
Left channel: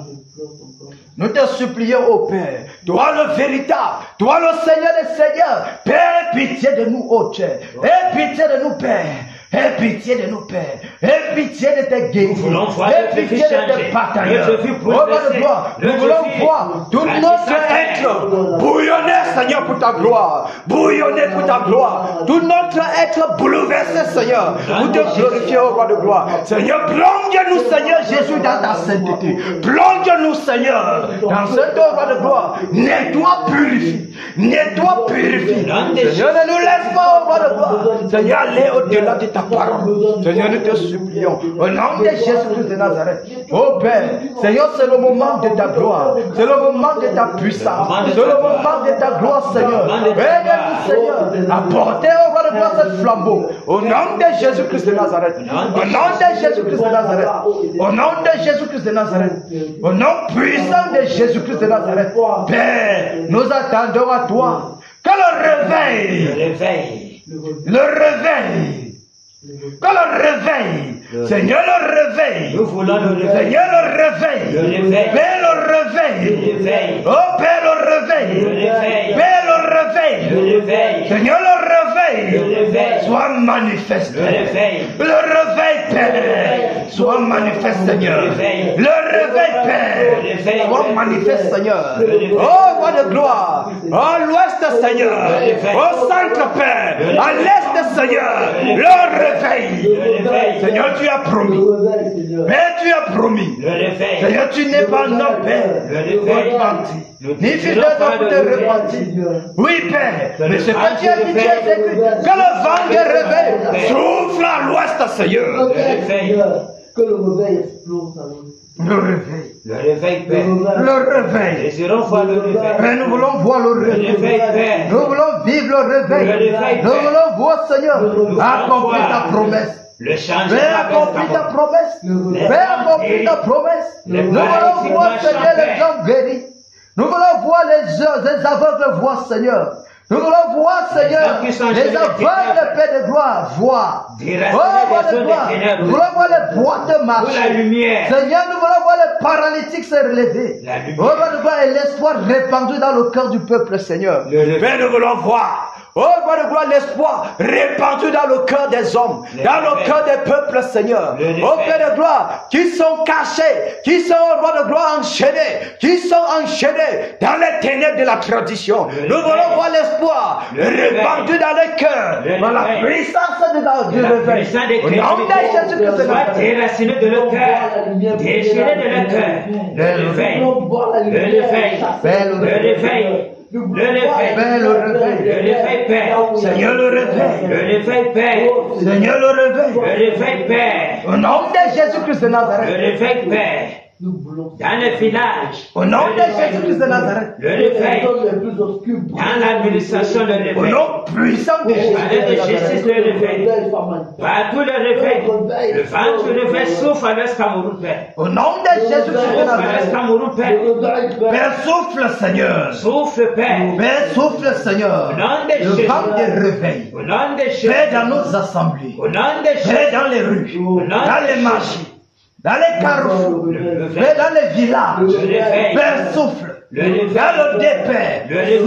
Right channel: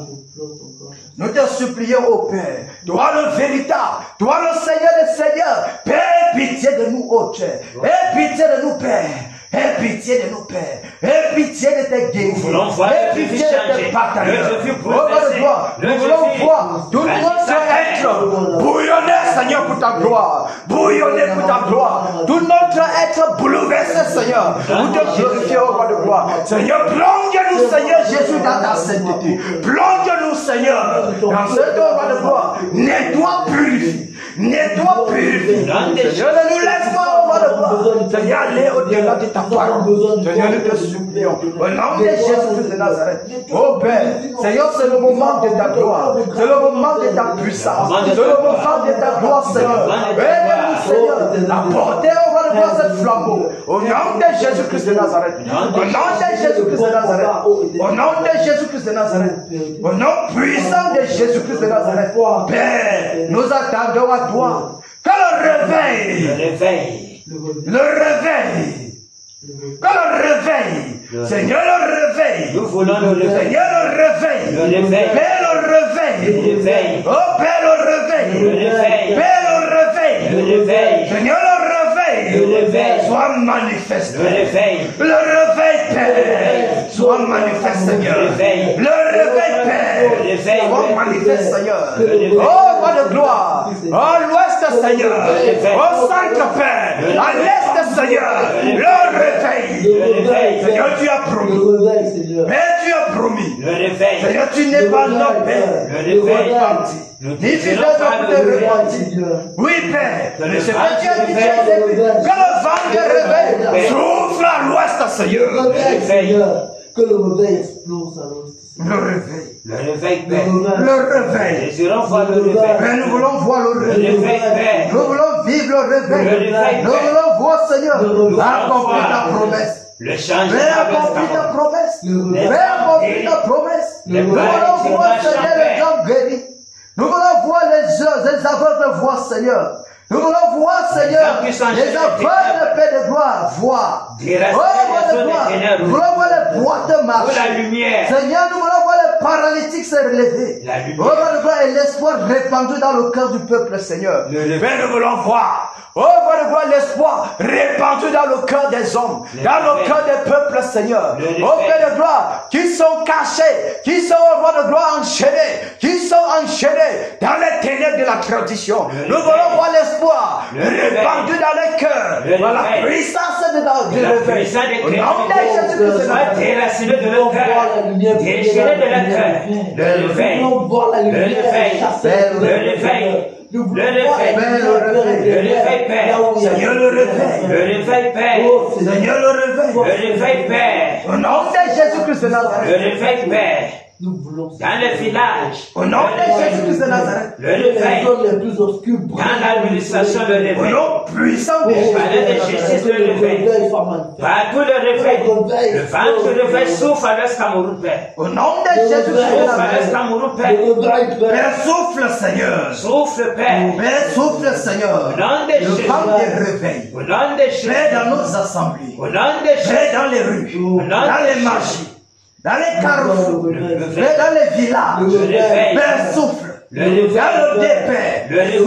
Nous te supplions, ô Père, toi le véritable, toi le Seigneur des Seigneurs, Père, pitié de nous, ô Dieu, aie pitié de nous, Père. Aie pitié de nous, Père. Aie pitié de tes guérisons. Aie pitié de tes batailles. Nous voulons voir tout notre être bouillonner, Seigneur, pour ta gloire. Bouillonner pour ta gloire. tout notre être bouleversé, Seigneur, nous te glorifions au roi de gloire. Seigneur, plonge-nous, Seigneur Jésus, dans ta sainteté. Plonge-nous, Seigneur, dans cet roi de gloire. Nettoie, purifie. Nettoie, purifie. Seigneur, ne nous laisse pas, roi de gloire. Seigneur, allez au-delà de ta parole. Seigneur, nous te supplions. Au nom de Jésus-Christ de Nazareth. Oh Père, Seigneur, c'est le moment de ta gloire. C'est le moment de ta puissance. C'est le moment de ta gloire, Seigneur. Aide-nous, Seigneur, à porter au roi de gloire ce flambeau. Au nom de Jésus-Christ de Nazareth. Au nom de Jésus-Christ de Nazareth. Au nom de Jésus-Christ de Nazareth. Au nom puissant de Jésus-Christ de Nazareth. Père, nous attendons à toi. Que le réveil. Le réveil. Que le réveil. Seigneur, le réveil. Nous voulons le réveil. Seigneur, le réveil. Le réveil. Père, le réveil. Le réveil. Oh, Père, le réveil. Le réveil. Père, le réveil. Le réveil. Seigneur, le réveil. Le réveil. Sois manifeste. Le réveil. Le réveil, Père. Sois manifeste, Seigneur. Le réveil. Le réveil, Père. Le réveil. Sois manifeste, Seigneur. réveil. Oh, roi de gloire. Oh, l'ouest, Seigneur. Au centre, Père. À l'est, Seigneur. Le réveil. Le réveil. Seigneur, tu as promis. Père, tu as promis. Le réveil. Seigneur, tu n'es pas notre Père. Le réveil. Ni fidèle de te repentir. Oui, Père. Mais c'est pas Dieu qui t'a exécuté. Que le vent de réveil souffle à l'ouest, Seigneur. Le réveil. Que le réveil explose à l'ouest. Le réveil. Le réveil, Père. Le réveil. Désirons voir le réveil. Père, nous voulons voir le Le réveil. réveil, Père. Nous voulons vivre le réveil. Le réveil, Nous Père. voulons voir, Seigneur, accomplir ta promesse. Le changement. Père, accomplis ta promesse. Père, accomplis ta promesse. Nous voulons voir, Seigneur, les gens guéris. Nous voulons voir les aveugles voir, Seigneur. Nous voulons voir, Seigneur, les aveugles, Père de gloire, voir. Oh, de gloire. Nous voulons voir les boîtes marcher. La lumière. Seigneur, nous voulons voir les paralytiques se relever. La lumière. Oh, de gloire, et l'espoir répandu dans le cœur du peuple, Seigneur. Père, nous voulons voir. Oh, de gloire, l'espoir répandu dans le cœur des hommes, dans le cœur des peuples, Seigneur. Oh, Père de gloire, qui sont cachés, qui sont, au roi de gloire, enchaînés, qui sont enchaînés dans les ténèbres de la tradition. Nous voulons voir l'espoir répandu dans les cœurs, dans la puissance du réveil. Au nom de Jésus-Christ, Soit déraciné de leur cœur, déchiré de leur cœur. Le réveil. Le réveil. Le réveil. Le réveil, le réveil, Père. Seigneur, le réveil. Le réveil, Père. Seigneur, le réveil. Le réveil, Père. Au nom de Jésus-Christ de Le Nazareth. réveil, Père. Nous voulons Dans le village. Au nom de Jésus-Christ de Nazareth. Le réveil. les plus obscurs. Dans l'administration, le Au réveil. nom puissant de Jésus. Palais de justice, le réveil. Partout le réveil. Le vent du réveil souffle à l'Est Cameroun, Père. Au nom de Jésus-Christ de Souffle à l'Est Nazareth. Cameroun, Père. Père, souffle, Seigneur. Souffle, Père. Père, souffle, Seigneur. Au nom de Le Jésus. vent des réveils. Au nom de Jésus. Père, dans nos assemblées. Au nom de Jésus. Père, dans les rues. Dans les marchés. Dans les carrefours. Père, dans les villages. Le réveil. Père, souffle. Le réveil. Dans le départ. Le réveil.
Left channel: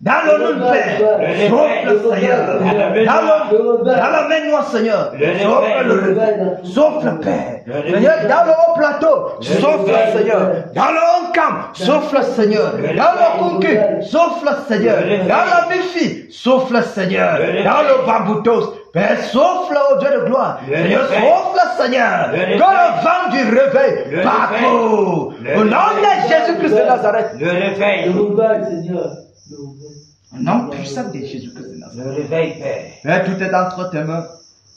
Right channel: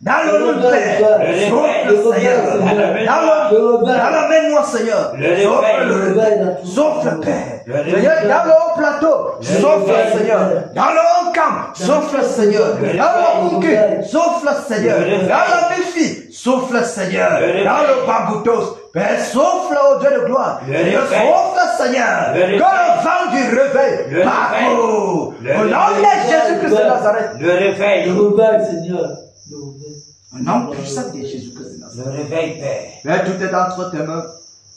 Dans le nom de Père, souffle, Seigneur. Dans le même Seigneur, souffle le réveil. Souffle, Père. Seigneur, dans le haut plateau, souffle, Seigneur. Dans le haut camp, souffle, Seigneur. Dans le concu, souffle, Seigneur. Dans le défi, souffle, Seigneur. Dans le bamboutos, Père, souffle au Dieu de gloire. Seigneur, souffle, Seigneur. Que le vent du réveil parcourt. Au nom de Jésus-Christ de Nazareth. Le réveil. Le réveil, Seigneur. Au nom puissant de Jésus-Christ de Nazareth. Le réveil, Père. Père, tout est entre tes mains.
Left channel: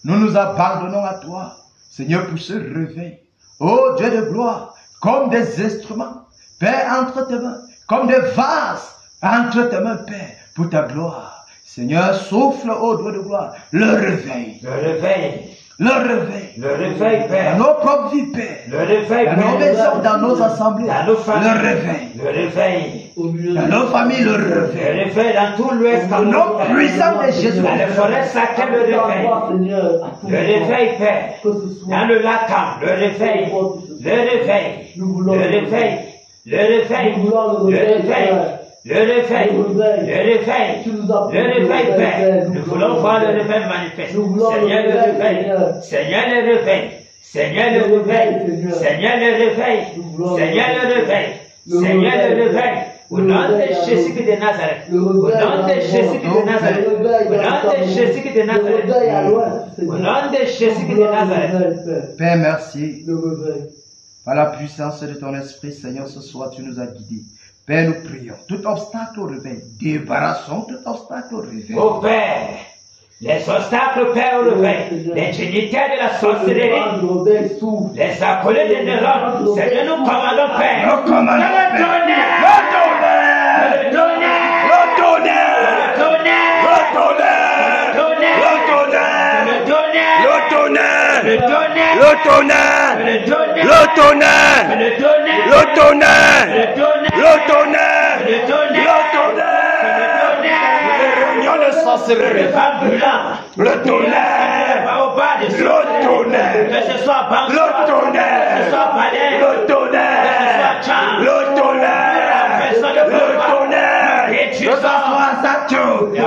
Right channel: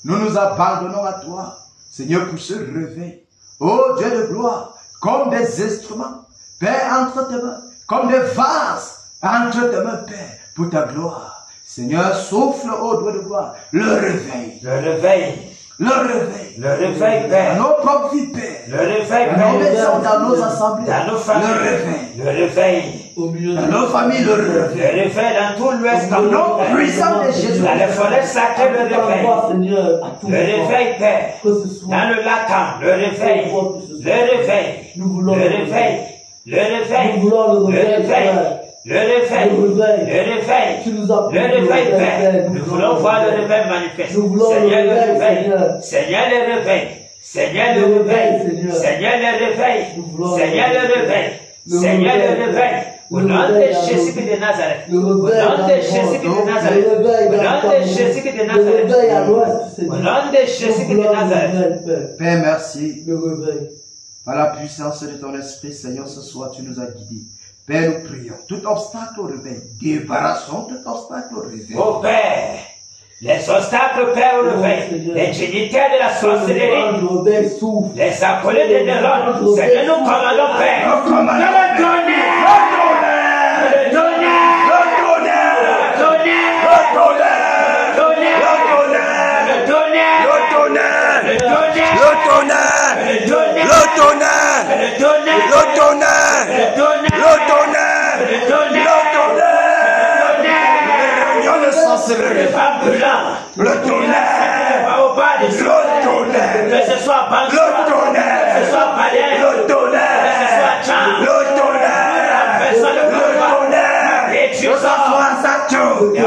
Nous nous abandonnons à toi, Seigneur, pour ce réveil. Oh Dieu de gloire, comme des instruments, Père, entre tes mains, comme des vases, entre tes mains, Père, pour ta gloire. Seigneur, souffle, oh Dieu de gloire, le réveil. Le réveil. Le réveil. Le réveil, Père. Dans nos propres vies, Père. Le réveil, Dans nos Père. maisons, dans nos assemblées. Dans nos familles. Le réveil. Le réveil. Dans nos familles, le Le réveil. réveil dans tout l'Ouest Au nom Cameroun. puissant de Jésus. Dans les forêts sacrées, le réveil. Le réveil, Père. Que ce soit. Dans le lac, le réveil. Le réveil. Nous voulons Le réveil. Le réveil. Nous voulons le Le réveil. réveil. Le réveil. Le réveil. Le réveil. Tu nous as Le réveil, le Père. réveil. Nous voulons voir le réveil manifeste. Nous voulons le Seigneur, le réveil, réveil. Seigneur. Seigneur, le réveil. Seigneur, le Le réveil, réveil. Seigneur. Seigneur, le réveil. Nous voulons Seigneur, le le réveil. Le Seigneur, le réveil. réveil. Au nom de Jésus de Nazareth. Au nom de Jésus de Nazareth. Au nom de Jésus de Nazareth. Au nom de Jésus de Nazareth. Père, merci. Par la puissance de ton esprit, Seigneur, ce soir, tu nous as guidés. Père, nous prions. Tout obstacle au réveil. Débarrassons tout obstacle au réveil. Oh Père, les obstacles, Père, au réveil, les trinitaires de la sorcellerie, les appelés de Néron, c'est que nous commandons, Père. Nous commandons, le tonnerre, le tonnerre, le tonnerre, le tonnerre, le tonnerre, le tonnerre, le tonnerre, le tonnerre, le tonnerre, le tonnerre, le tonnerre, le tonnerre, le tonnerre, le tonnerre, le tonnerre, le tonnerre, le tonnerre, le tonnerre, au bas des le tonnerre, que ce soit Bangkok, le tonnerre, que ce soit Palais, le tonnerre, que ce soit Tchang, le tonnerre, personne le tonnerre, et tu sors, le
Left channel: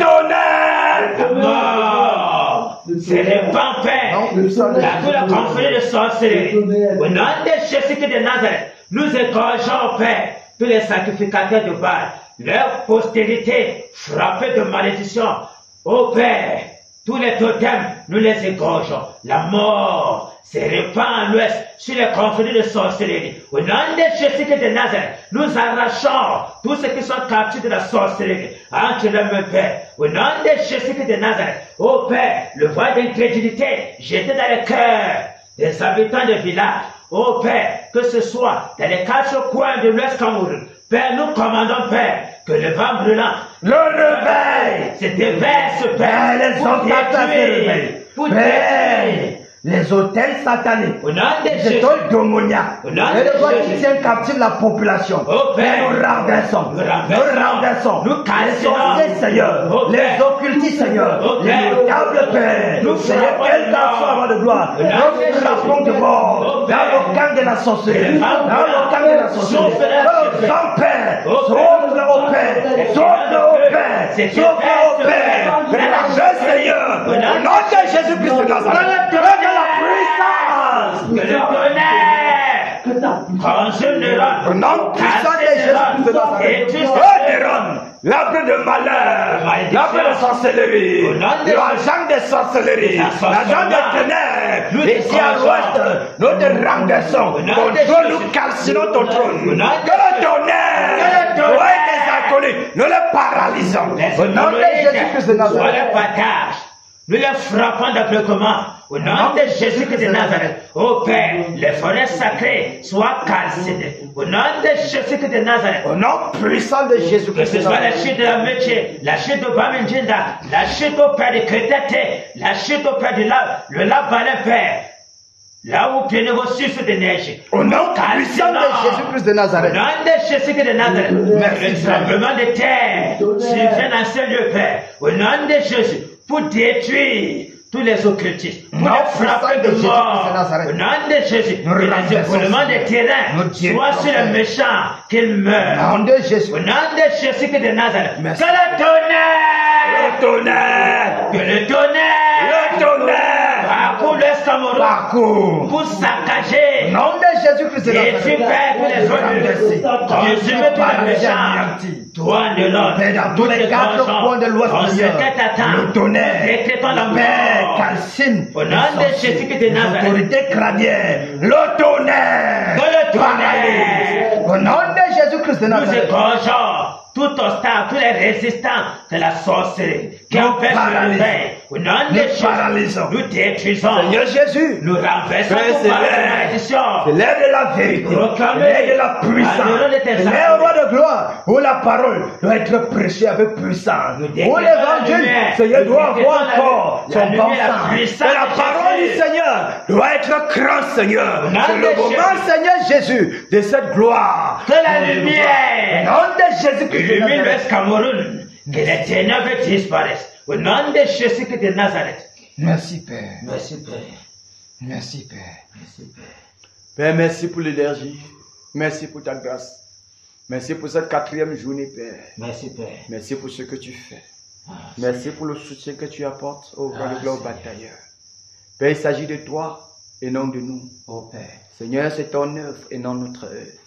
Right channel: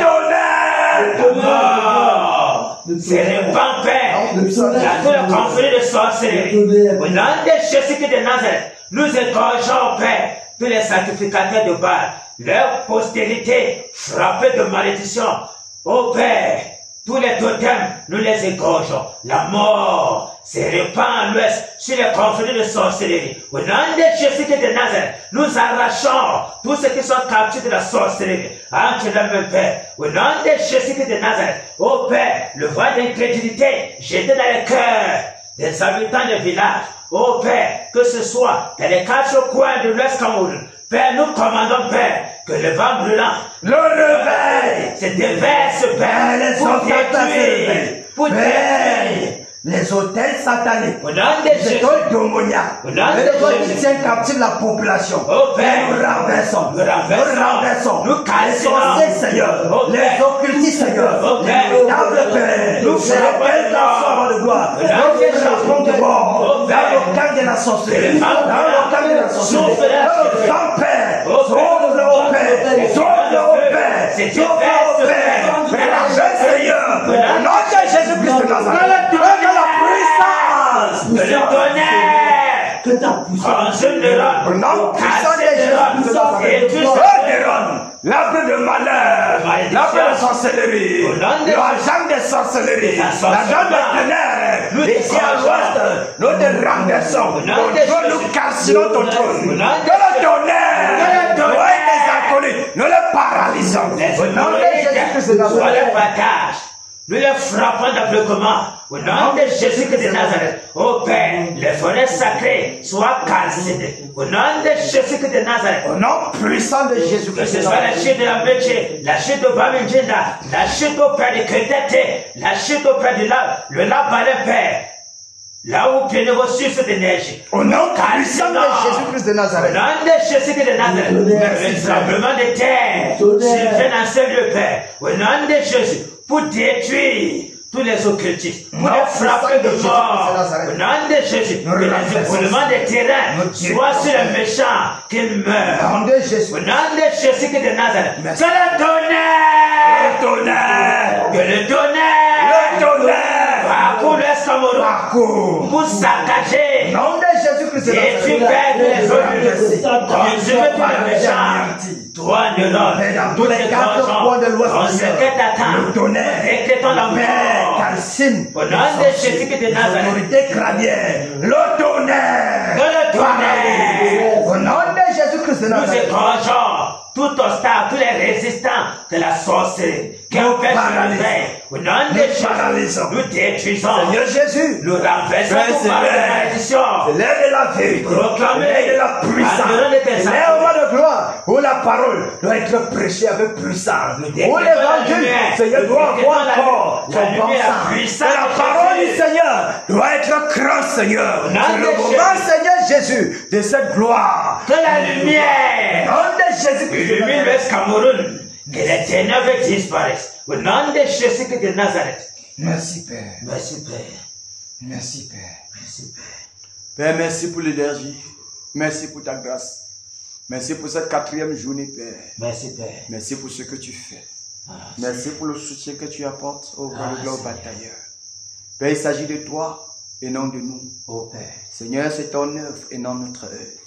tonnerre, la mort, c'est le pampin, tout le conflit de sorcellerie. Au nom de Jésus de Nazareth, nous égorgeons, Père, tous les sacrificateurs de Baal, leur postérité frappée de malédiction. Ô Père, tous les totems, nous les égorgeons. La mort se répand à l'ouest sur les conflits de sorcellerie. Au nom de Jésus de Nazareth, nous arrachons tous ceux qui sont captifs de la sorcellerie. Entre les mains, Père. Au nom de Jésus de Nazareth, ô Père, le voile d'incrédulité jeté dans les cœurs des habitants des villages. Ô Père, que ce soit dans les 4 coins de l'Ouest Cameroun, Père, nous commandons, Père, que le vent brûlant, le réveil, se déverse, Père, pour détruire, les hôtels sataniques, au nom de les Jésus, écoles démoniaques, au nom de qui Jésus, tiennent captive la population. Oh Père, nous renversons, nous cassons, les sorciers, Seigneur, les occultistes, Seigneur, les diables, Père, nous frappons les enfants de gloire, nous échappons de mort, dans le camp de la sorcellerie, dans le camp de la sorcellerie, sans Père, sauve au Père, sauve au Père, sauve au Père, Seigneur, au nom de Jésus-Christ de Nazareth, que le tonnerre, consume les rangs, au nom puissant de Jésus, et tu l'arbre de malheur, l'arbre de sorcellerie, l'argent de sorcellerie, l'argent de ténèbres, ici à l'ouest, nous te renversons, nous calcinons ton trône, que le tonnerre, toi et tes inconnus, nous le paralysons, au nom de Jésus-Christ de Nazareth. Nous les frappons d'aveuglement. Au nom de Jésus de Nazareth. Ô Père, les forêts sacrées soient calcinées. Au nom de Jésus de Nazareth. Au nom puissant de Jésus. Que ce soit la chute de la Métier, la chute de Bamindjinda, la chute au Père de Crédité, la chute au Père de le Labalin, Père. Là où prenez vos sources d'énergie. Au nom puissant de Jésus-Christ de Nazareth. Au nom de Jésus de Nazareth. Le tremblement de terre survient dans ce lieu, Père. Au nom de Jésus. Pour détruire tous les occultistes, pour les frapper de mort, au nom de Jésus, que les éboulements des terrains soient sur les méchants, qu'ils meurent. Au nom de Jésus de Nazareth, que le tonnerre, que le tonnerre, parcours l'Est Cameroun, pour saccager, au nom de Jésus-Christ de Nazareth, et tu perds tous les occultistes, consumer tous les méchants. Toi, de l'homme, dans tous les 4 coins de l'Ouest, on se le tonnerre, décrétons la mort, calcine, au nom de Jésus de Nazareth, l'autorité crânienne, le tonnerre, au nom de Jésus-Christ de Nazareth, nous écorgeons tout obstacle, tous les résistants de la sorcellerie, qui empêchent le réveil, au nom de Jésus, nous détruisons, Seigneur Jésus, nous renversons toute malédiction, c'est l'heure de la vérité, proclamer l'heure de la puissance, l'heure de gloire, où la parole doit être prêchée avec puissance, où l'évangile, Seigneur, doit avoir encore son bon sens, la parole du Seigneur doit être grand, Seigneur, c'est le moment, Seigneur Jésus, de cette gloire, que la lumière, au nom de Jésus, illumine l'Ouest Cameroun, que les ténèbres disparaissent. Au nom de Jésus de Nazareth. Merci Père. Merci Père. Merci Père. Merci Père. Père, merci pour l'énergie. Merci pour ta grâce. Merci pour cette 4e journée, Père. Merci Père. Merci pour ce que tu fais. Merci pour le soutien que tu apportes au globe batailleur. Père, il s'agit de toi et non de nous. Oh Père. Seigneur, c'est ton œuvre et non notre œuvre.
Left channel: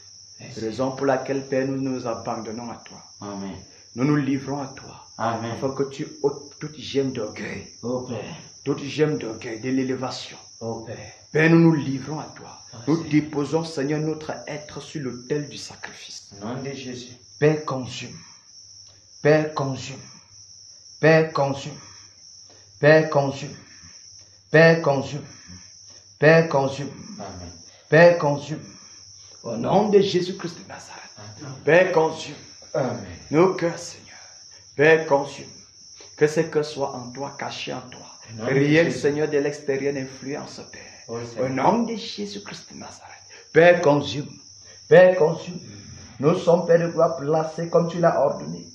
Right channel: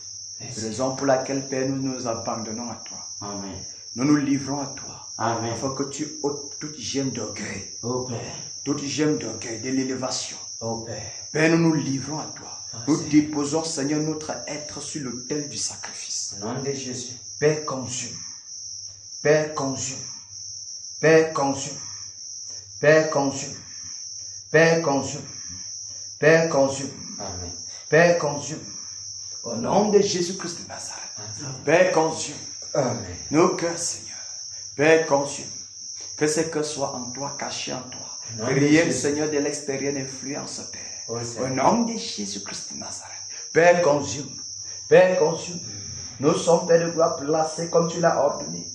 Raison pour laquelle, Père, nous nous abandonnons à toi. Amen. Nous nous livrons à toi. Amen. Afin que tu ôtes toute gemme d'orgueil. Oh Père. Toute gemme d'orgueil, de l'élévation. Oh Père. Père, nous nous livrons à toi. Nous déposons, Seigneur, notre être sur l'autel du sacrifice. Au nom de Jésus. Père, consume. Père, consume. Père, consume. Père, consume. Père, consume. Père, consume. Amen. Père, consume. Au nom de Jésus-Christ de Nazareth. Père, consume. Amen. Nos cœurs, Seigneur. Père, consume. Que ces cœurs soient en toi, cachés en toi. Rien, Seigneur, de l'extérieur n'influence, Père. Au nom de Jésus-Christ de Nazareth. Père, consume. Père, consume. Nous sommes, Père de gloire, placés comme tu l'as ordonné.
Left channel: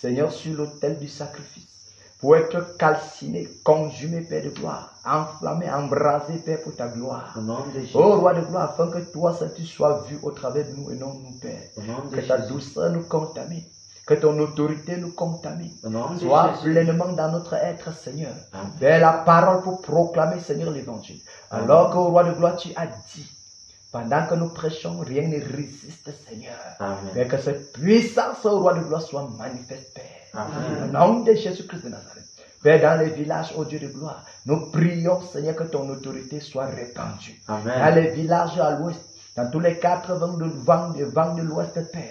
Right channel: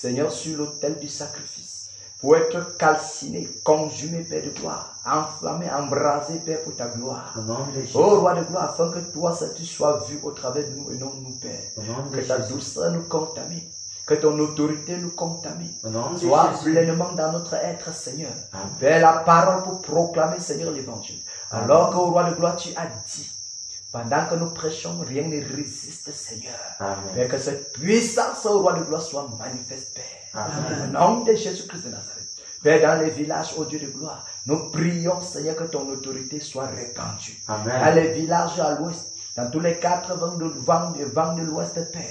Seigneur, sur l'autel du sacrifice. Pour être calcinés, consumés, Père de gloire. Enflammés, embrasés, Père, pour ta gloire. Au nom de Jésus. Ô roi de gloire, afin que toi, tu sois vu au travers de nous et non nous, Père. Au nom de Que ta Jésus. douceur nous contamine. Que ton autorité nous contamine. Au nom de Sois Jésus. pleinement dans notre être, Seigneur. Amen. Père, la parole pour proclamer, Seigneur, l'évangile. Alors que, au roi de gloire, tu as dit, pendant que nous prêchons, rien ne résiste, Seigneur. Amen. Père, que cette puissance, au roi de gloire, soit manifeste, Père. Amen. Au nom de Jésus-Christ de Nazareth. Père, dans les villages, ô Dieu de gloire, nous prions, Seigneur, que ton autorité soit répandue. Amen. Dans les villages à l'ouest, dans tous les 4 vents de l'ouest, Père.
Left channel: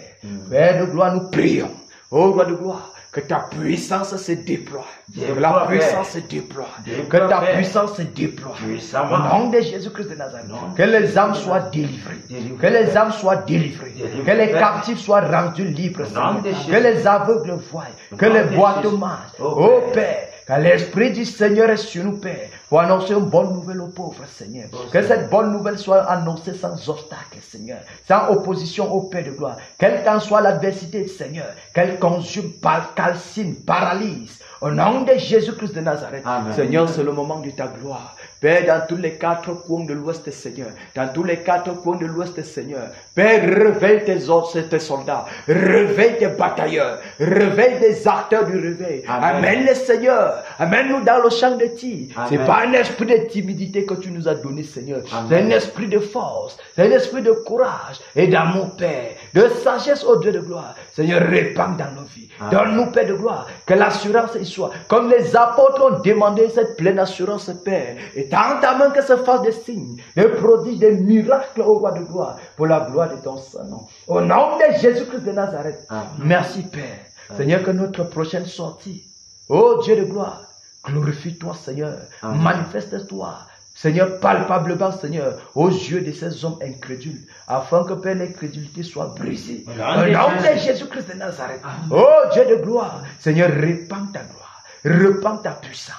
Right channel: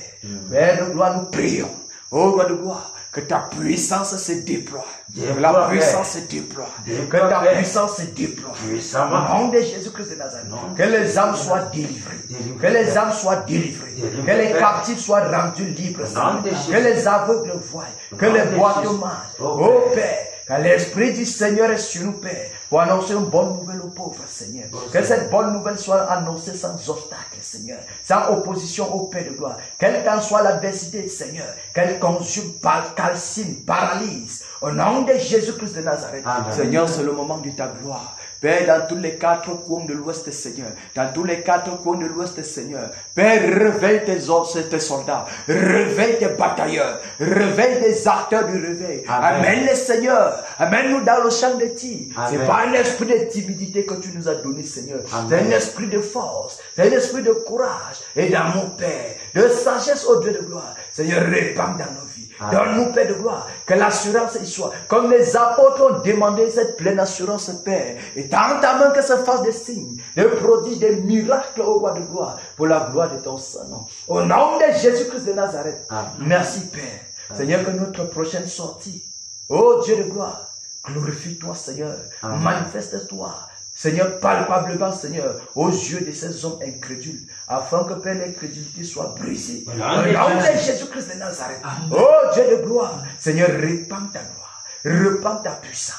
Père de gloire, nous prions. Ô roi de gloire, que ta puissance se déploie. Que la puissance se déploie. Que ta puissance se déploie. Au nom de Jésus-Christ de Nazareth. Que les âmes soient délivrées. Que les âmes soient délivrées. Que les captifs soient rendus libres. Que les aveugles voient. Que les boiteux marchent. Ô Père, que l'Esprit du Seigneur est sur nous, Père, pour annoncer une bonne nouvelle aux pauvres, Seigneur. Que cette bonne nouvelle soit annoncée sans obstacle, Seigneur. Sans opposition au Père de gloire. Quelle qu'en soit l'adversité, Seigneur. Qu'elle consume, calcine, paralyse. Au nom de Jésus-Christ de Nazareth. Amen. Seigneur, c'est le moment de ta gloire. Père, dans tous les 4 coins de l'Ouest, Seigneur. Dans tous les 4 coins de l'Ouest, Seigneur. Père, réveille tes soldats. Réveille tes batailleurs. Réveille des acteurs du réveil. Amène les Seigneur. Amène-nous dans le champ de tir. C'est pas un esprit de timidité que tu nous as donné, Seigneur. C'est un esprit de force. C'est un esprit de courage. Et d'amour, Père. De sagesse, au Dieu de gloire. Seigneur, répands dans nos vies. Donne-nous, Père de gloire, que l'assurance y soit. Comme les apôtres ont demandé cette pleine assurance, Père. Et dans ta main que se fassent des signes, des prodiges, des miracles au roi de gloire. Pour la gloire de ton Saint-Nom. Au nom de Jésus-Christ de Nazareth. Merci, Père. Seigneur, que notre prochaine sortie, ô Dieu de gloire, glorifie-toi, Seigneur. Manifeste-toi. Seigneur, palpablement, Seigneur, aux yeux de ces hommes incrédules, afin que, Père, l'incrédulité soit brisée. Au nom de Jésus-Christ de Nazareth. Oh Dieu de gloire, Seigneur, répands ta gloire, répands ta puissance.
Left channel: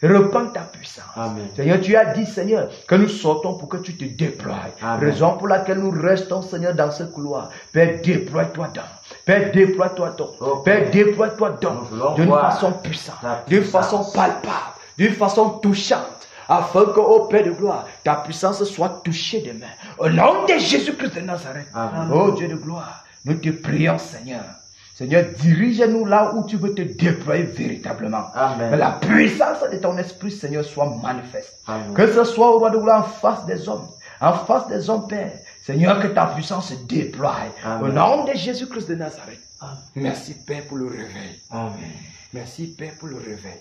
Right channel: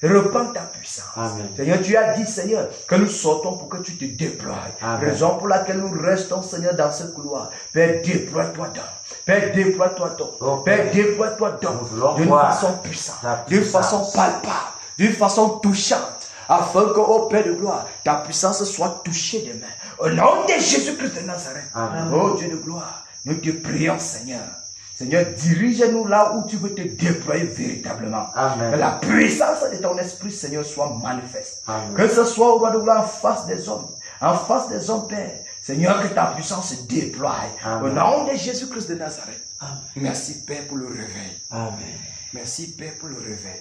Repends ta puissance. Amen. Seigneur, tu as dit, Seigneur, que nous sortons pour que tu te déploies. Amen. Raison pour laquelle nous restons, Seigneur, dans ce couloir. Père, déploie-toi donc. Père, déploie-toi donc. Oh, Père, déploie-toi donc. D'une façon puissante, d'une façon palpable, d'une façon touchante. Afin que, ô Père de gloire, ta puissance soit touchée demain. Au nom de Jésus-Christ de Nazareth. Amen. Ô Dieu de gloire, nous te prions, Seigneur. Seigneur, dirige-nous là où tu veux te déployer véritablement. Amen. Que la puissance de ton esprit, Seigneur, soit manifeste. Amen. Que ce soit au roi de gloire en face des hommes. En face des hommes, Père. Seigneur, que ta puissance se déploie. Amen. Au nom de Jésus-Christ de Nazareth. Amen. Merci, Père, pour le réveil. Amen. Merci, Père, pour le réveil.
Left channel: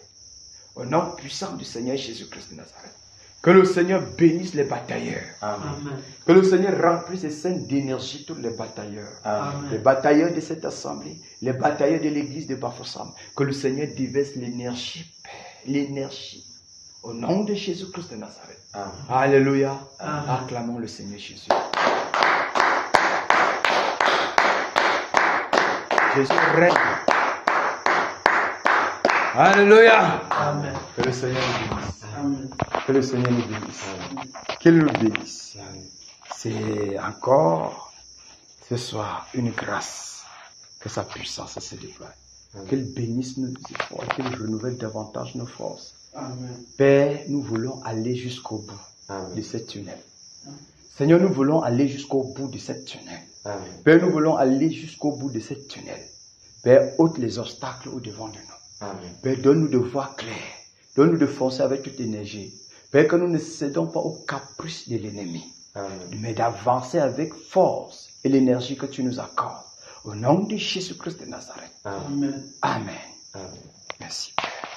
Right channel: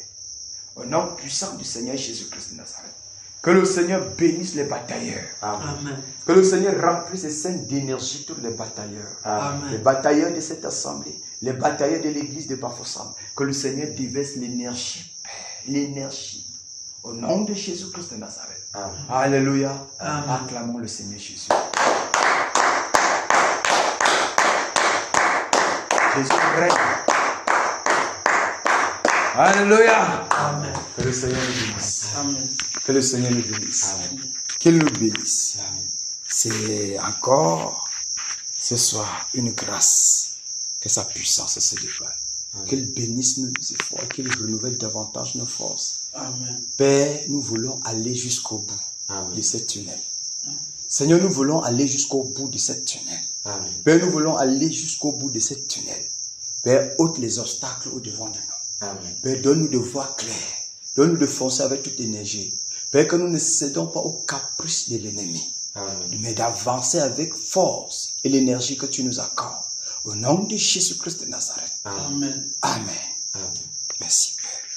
Au nom puissant du Seigneur Jésus-Christ de Nazareth. Que le Seigneur bénisse les batailleurs. Amen. Que le Seigneur remplisse et scènes d'énergie tous les batailleurs. Amen. Les batailleurs de cette assemblée, les batailleurs de l'église de Bafoussam. Que le Seigneur déverse l'énergie, Père, l'énergie. Au nom de Jésus-Christ de Nazareth. Amen. Alléluia. Amen. Acclamons le Seigneur Jésus. Jésus règne. Alléluia. Amen. Que le Seigneur nous bénisse. Amen. Que le Seigneur nous bénisse. Qu'il nous bénisse. C'est encore ce soir une grâce que sa puissance se déploie. Qu'il bénisse nos efforts et qu'il renouvelle davantage nos forces. Amen. Père, nous voulons aller jusqu'au bout Amen. de cette tunnel. Seigneur, nous voulons aller jusqu'au bout de cette tunnel. Amen. Père, nous voulons aller jusqu'au bout de cette tunnel. Père, ôte les obstacles au-devant de nous. Amen. Père, donne-nous de voir clair. Donne-nous de foncer avec toute énergie. Père, que nous ne cédons pas aux caprices de l'ennemi. mais d'avancer avec force et l'énergie que tu nous accordes. Au nom de Jésus-Christ de Nazareth. Amen. Amen. Merci, Père.